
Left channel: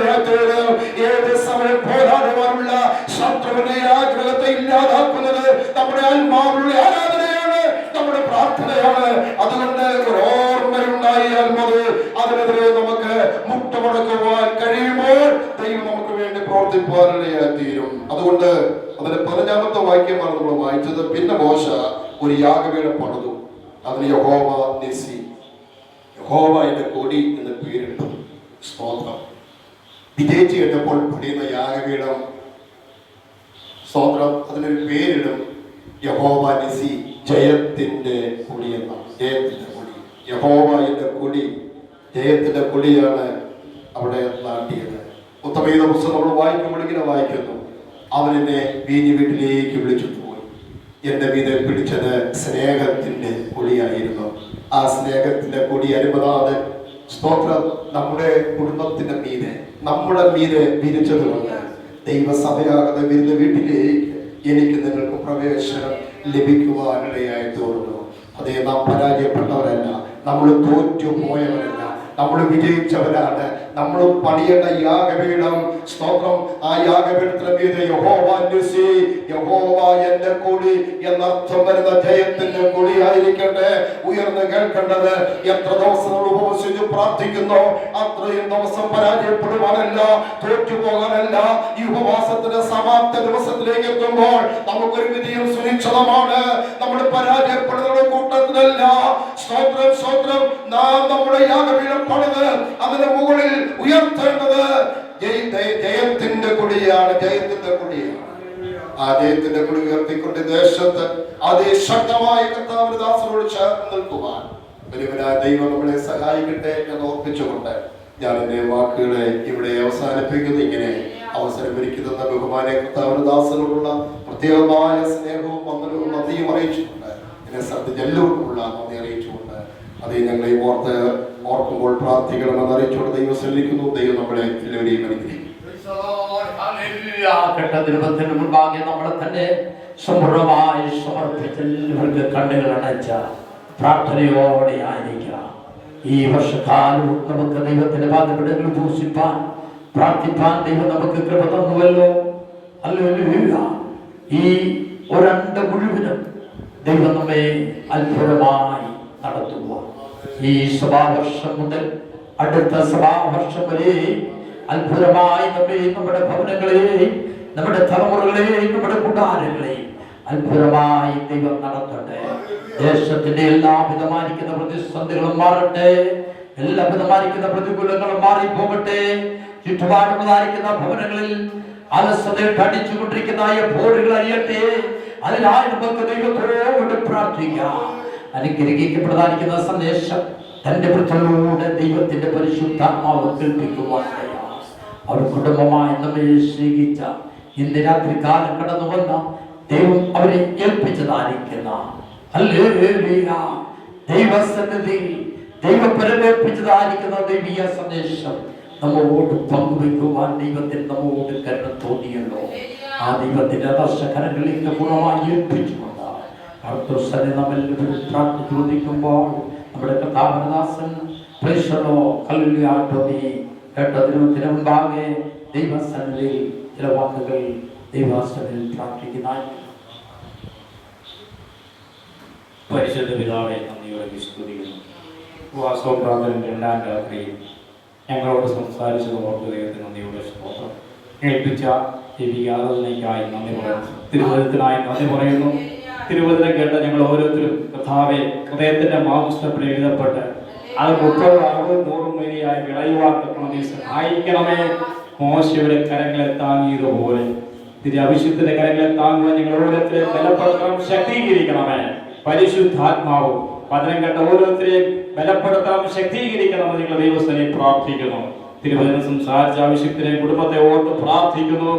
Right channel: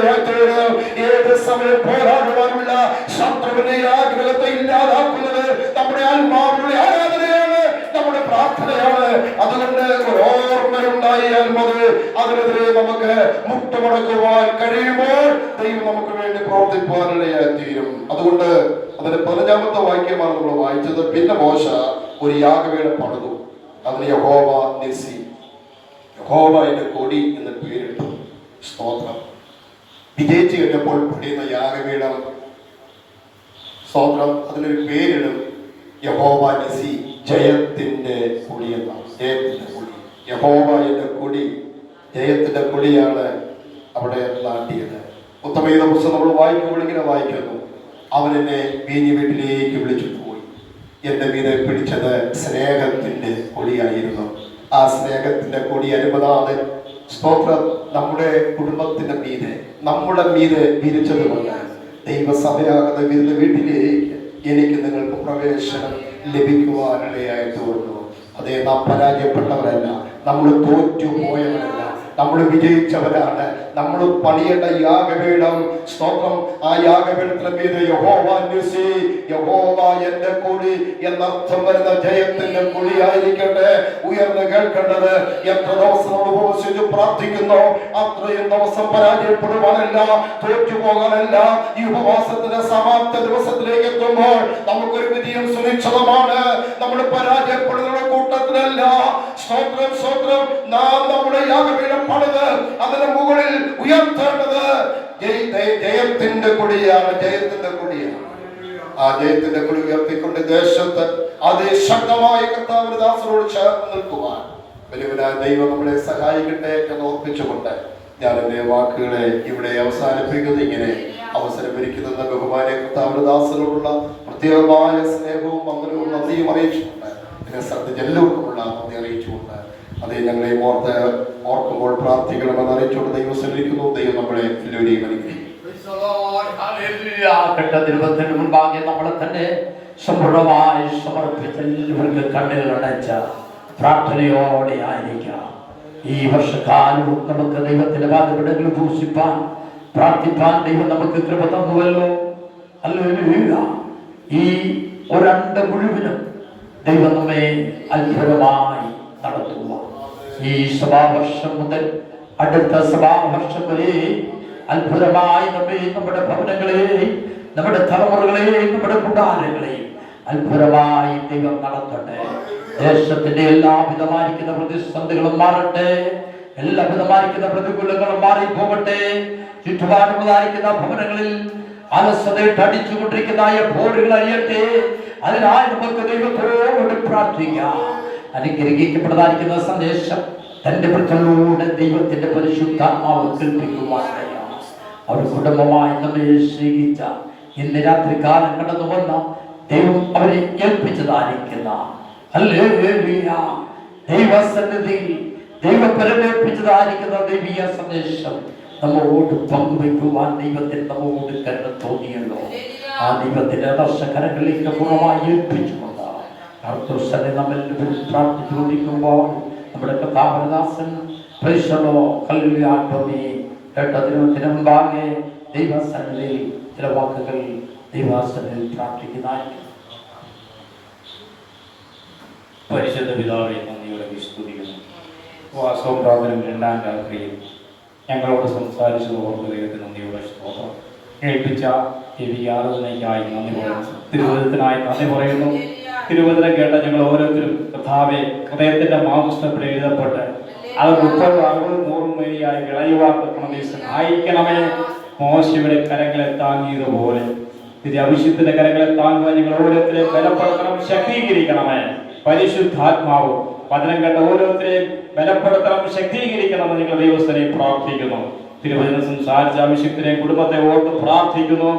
ഏത് സമയം പോരാടുവാനുള്ള ശത്രുവിന്റെ ആഗ്രഹത്തെ ഇല്ലാതാക്കുന്നത് നമ്മുടെ ആത്മാവിന്റെ ആരാധനയാണ്, നമ്മുടെ പ്രാർത്ഥനയാണ്. അതുകൊണ്ട് ഒരു ഓർമ്മയുണ്ടായാൽ മതി. അതിനെതിരെ നമുക്ക് മുട്ടുമടക്കുവാൻ കഴിയുമ്പോൾ ദൈവം നമുക്ക് വേണ്ടി പ്രവർത്തിക്കുവാനിടയായി തീരും. അതുകൊണ്ട് അതിന്റെ 15-ാമത്തെ വാക്യമാണ് നമ്മൾ വായിച്ചത്. പിന്നെ മോശ ഒരു യാഗപീഠം പണിതു. അതിന് യഹോവ നിസി, യഹോവ എന്റെ കൊടി എന്ന് പേരിട്ടു. സ്തോത്രം. വിജയിച്ചു കഴിഞ്ഞപ്പോൾ പണിയുന്ന യാഗപീഠം, സ്തോത്രം, അതിനൊരു പേരിടും. യഹോവ നിസി, ജയത്തിന്റെ കൊടി എന്നാണ്. ജയത്തിന്റെ കൊടി, യഹോവ എന്റെ കൊടി, ജയത്തിന്റെ കൊടിയാണ് അവിടെ നാട്ടിയത്. ഉത്തമഗീത പുസ്തകം നമ്മൾ വായിക്കുമ്പോൾ ഇങ്ങനെ വായിക്കുന്നു, അവൻ എന്നെ വീഞ്ഞു വീട്ടിലേക്ക് വിളിച്ചിട്ട് പോയി. എന്റെ മീതെ പിടിച്ചത് സ്നേഹത്തിന്റെ കൊടിയായിരുന്നു. ആ സ്നേഹത്തിന്റെ കൊടി അനുപതാതെ സ്തോത്രം നമ്മുടെ കുടുംബത്തിന്റെ മീതെ, നമ്മുടെ മീതെ വിരിച്ചതുകൊണ്ട് ദൈവസഭയാകുന്ന വീട്ടിലേക്ക് എനിക്ക് നിങ്ങൾക്ക് പ്രവേശനം ലഭിക്കുവാനിടയായി തീർന്നു. അതേ, നാം പരാജയപ്പെട്ടവരല്ല, നമ്മൾ തോറ്റുപോയവരല്ല, നമ്മൾ വിജയിച്ചവരാണ്. നമ്മൾ പണിയേണ്ട യാഗപീഠം, സ്തോത്രം, ആ യാഗപീഠത്തിന്റെ മീതെ യഹോവ നിസി, യഹോവ എന്റെ കൊടി എന്നർത്ഥം വരുന്ന ജയത്തിന്റെ കൊടിയായിരിക്കട്ടെ ഉയർന്ന് കേൾക്കേണ്ടത്. എത്ര ദിവസം നമ്മൾ ഉപവസിച്ച് പ്രാർത്ഥിക്കുന്നോ അത്രയും ദിവസം പരാജയപ്പെടുവാനല്ല, തോറ്റുപോകാനല്ല. ഈ ഉപവാസത്തിന്റെ സമാപ്ത ദിവസത്തിലേക്ക് എത്തുമ്പോൾ നമുക്കൊരു വിധിയും സുനിശ്ചിതമാണ്. നമ്മൾ പരാജയപ്പെടുന്ന കൂട്ടത്തിലല്ല. സ്തോത്രം സ്തോത്രം. നാം നമ്മുടെ യാഗപീഠം പണിത് അതിന് മുകളിൽ ഉയർത്തേണ്ടത് ജയത്തിന്റെ കൊടിയാണ്, ജയത്തിന്റെ കൊടിയാണ്. ആ ജയത്തിന്റെ കൊടി ഉയർത്തിക്കൊണ്ട് ദേശത്ത് അതിശക്തമായി കർത്താവിന്റെ ദാസരോട് ചേർന്ന് നിൽക്കുവാൻ വലിയവനായ ദൈവം നമ്മളെ സഹായിക്കട്ടെ എന്ന് ഓർപ്പിച്ചുകൊണ്ട് ഞാൻ എന്റെ വാക്കുകളെ ഇവിടെ അവസാനിപ്പിക്കുന്നു. ഇങ്ങനെ അവസരമൊരുക്കുന്ന ബഹുമാനെ കർത്താവിന്റെ ദാസരോടുള്ള പ്രത്യേകമായ സ്നേഹവും വന്ദനവും നന്ദിയും അറിയിച്ചുകൊണ്ട് ഇതിനെ ശ്രദ്ധിച്ച് എല്ലാവർക്കുമുള്ള നന്ദി അറിയിച്ചുകൊണ്ട് അതേ ഞങ്ങളെ ഓർക്കുമ്പോൾ പ്രാർത്ഥിക്കണമെന്ന് അറിയിച്ചുകൊണ്ട് ദൈവം ശ്രമിക്കുന്നു. ദൈവം നമ്മളെ എല്ലാവരെയും അനുഗ്രഹിക്കും. മുൻപാകെ നമ്മളെ തന്നെ സമ്പൂർണമായി സമർപ്പിച്ച് എല്ലാവർക്ക് കണ്ണുകൾ അടച്ച പ്രാർത്ഥനയോടെ ആയിരിക്കാം. ഈ വർഷക്കാലവും നമുക്ക് ദൈവത്തിന്റെ വാഗ്ദത്തങ്ങൾ ഘോഷിപ്പാൻ പ്രാർത്ഥിപ്പാൻ ദൈവം നമുക്ക് കൃപ തന്നുവല്ലോ. ഹല്ലേലൂയ. ഈ ഒരണ്ട മുഴുവനും ദൈവം നമ്മെ അത്ഭുതമായി നടത്തുക. ഈ സഭാവർഷം മുതൽ അടുത്ത സഭാവർഷം വരെ അത്ഭുതമായി നമ്മെ, നമ്മുടെ ഭവനങ്ങളെയും നമ്മുടെ തലമുറകളെയും നമ്മുടെ കൂടാരങ്ങളെയും അത്ഭുതമായി ദൈവം നടത്തട്ടെ. ദേശത്തിന്റെ എല്ലാവിധമായിരിക്കുന്ന പ്രതിസന്ധികളും മാറട്ടെ, എല്ലാവിധമായിരിക്കുന്ന പ്രതികൂലങ്ങളും മാറിപ്പോകട്ടെ. ചുറ്റുപാടുള്ളതായിരിക്കുന്ന ഭവനങ്ങളിൽ അലസതയിട്ട് അടിച്ചുകൊണ്ടിരിക്കുന്ന പോരുകൾ അറിയട്ടെ. അതിനായി നമുക്ക് ദൈവത്തോട് പ്രാർത്ഥിക്കാം. അനുഗ്രഹിക്കപ്പെട്ടതായിരിക്കുന്ന സന്ദേശം തന്റെ വൃത്തലൂടെ ദൈവത്തിന്റെ പരിശുദ്ധാത്മാവ് കേൾപ്പിക്കുവാനാണ്. അവർ കുടുംബമായി നമ്മെ സ്നേഹിച്ച ഇന്ന് രാത്രി കാലം കടന്നു വന്ന ദൈവം അവരെ ഏൽപ്പിച്ചതായിരിക്കുന്ന ദൈവസന്നിധിയിൽ ദൈവപരമേൽപ്പിച്ചതായിരിക്കുന്ന ദൈവീയ സന്ദേശം നമ്മോട് പങ്കുവെക്കുവാൻ ദൈവത്തിന് നമ്മോട് കരുണ തോന്നിയല്ലോ. ആ ദൈവത്തിന്റെ ദർശകരങ്ങളിലേക്ക് പൂർണ്ണമായി ഏൽപ്പിച്ചുകൊണ്ട് കർത്തൃസന്നെ നമ്മെല്ലാവരും പ്രാർത്ഥിച്ചുകൊണ്ടിരിക്കുമ്പോൾ നമ്മുടെ കഥാപ്രദാസൻ കേട്ടതിന് മുമ്പാകെ ദൈവസന്നിധിയിൽ ചില വാക്കുകൾ ദൈവസന്നിധിയിൽ പ്രാർത്ഥിക്കുന്നതായി. പരിശുദ്ധ പിതാവെ, നന്ദിയോടെ സ്തുതിക്കുന്നു. വാസവ പ്രാർത്ഥന രണ്ടാം രാത്രിയിൽ ഞങ്ങളോട് സംസാരിച്ചത് ഓർത്ത് ദൈവത്തിന് നന്ദിയോടെ സ്തോത്രം. കേൾപ്പിച്ച ദേവി ആരാധനയ്ക്കായി നന്ദി പറയുന്നു. തിരുവചനത്തിനായി നന്ദി പറയുന്നു. തിരുവചനം കേട്ട ഞങ്ങൾ ഓരോരുത്തരും കർത്താവെ ഹൃദയത്തിന്റെ മാംസത്തിൽ എഴുതപ്പെട്ട് അത് 30, 60, 100 വരെയായി വിളയുവാൻ തക്കണമേ സഹായിക്കണമേ. മോശയുടെ കരങ്ങളെ താങ്ങിയതുപോലെ ഇത് അഭിഷേകത്തിന്റെ കരങ്ങളെ താങ്ങുവാൻ നിങ്ങൾ ഓരോരുത്തരെയും ബലപ്പെടുത്തണം, ശക്തീകരിക്കണമേ. പരിശുദ്ധാത്മാവും വചനം കേട്ട ഓരോരുത്തരെയും ബലപ്പെടുത്തണം, ശക്തീകരിക്കണമെന്ന് നിങ്ങൾ ദൈവസ്ഥനെ പ്രാർത്ഥിക്കുന്നു. തിരുവചനം സംസാരിച്ച അഭിഷേകത്തിനെ കുടുംബത്തെ ഓർത്ത് പ്രാർത്ഥിക്കുന്നു.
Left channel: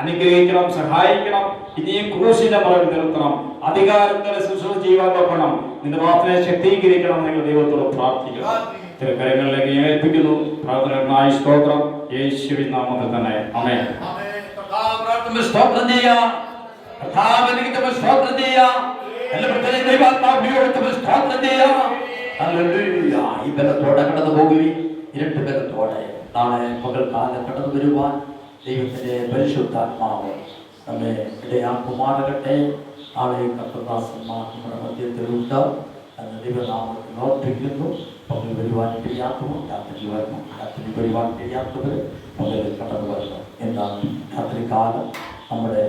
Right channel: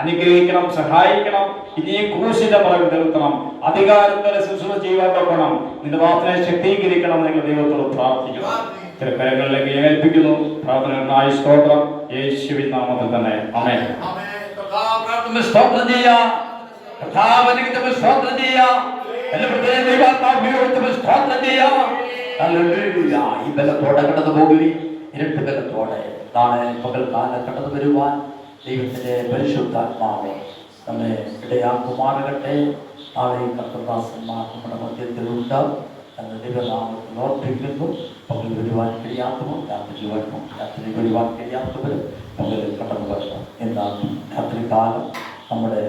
അനുഗ്രഹിക്കണം, സഹായിക്കണം. ഇനിയും ക്രൂശിന്റെ പുറകിൽ നിർത്തണം, അധികാരത്തോടെ ശുശ്രൂഷ ചെയ്യുവാൻ നോക്കണം. നിന്റെ പ്രാർത്ഥനയെ ശക്തീകരിക്കണം. നിങ്ങൾ ദൈവത്തോട് പ്രാർത്ഥിക്കണം. കരങ്ങളിലേക്ക് ഏൽപ്പിക്കുന്നു. പ്രാർത്ഥനയ്ക്കായി സ്തോത്രം. യേശുവിൻ നാമത്തിൽ തന്നെ ആമേൻ. സ്തോത്രം ചെയ്യാം. സ്തോത്രം ചെയ്യാം. ഈ ബലത്തോടെ കടന്നു പോകുകയും ഇരട്ടി ബലത്തോടെ നാളെ പകൽക്കാലം കടന്നു വരുവാൻ ദൈവത്തിന്റെ പരിശുദ്ധാത്മാവ് നമ്മെ ഇടയാക്കുമാറട്ടെ. നാളെ കർത്തദാസന്മാർ നമ്മുടെ മധ്യത്തിലുണ്ട് എന്ന് ദൈവനാമത്തിൽ ഓർപ്പിക്കുന്നു. പകൽ വരുവാൻ കഴിയാത്തവർ രാത്രി വരണം, രാത്രി വരുവാൻ കഴിയാത്തവർ പകൽ കടന്നു വരണം. എന്നാൽ രാത്രികാലം നമ്മുടെ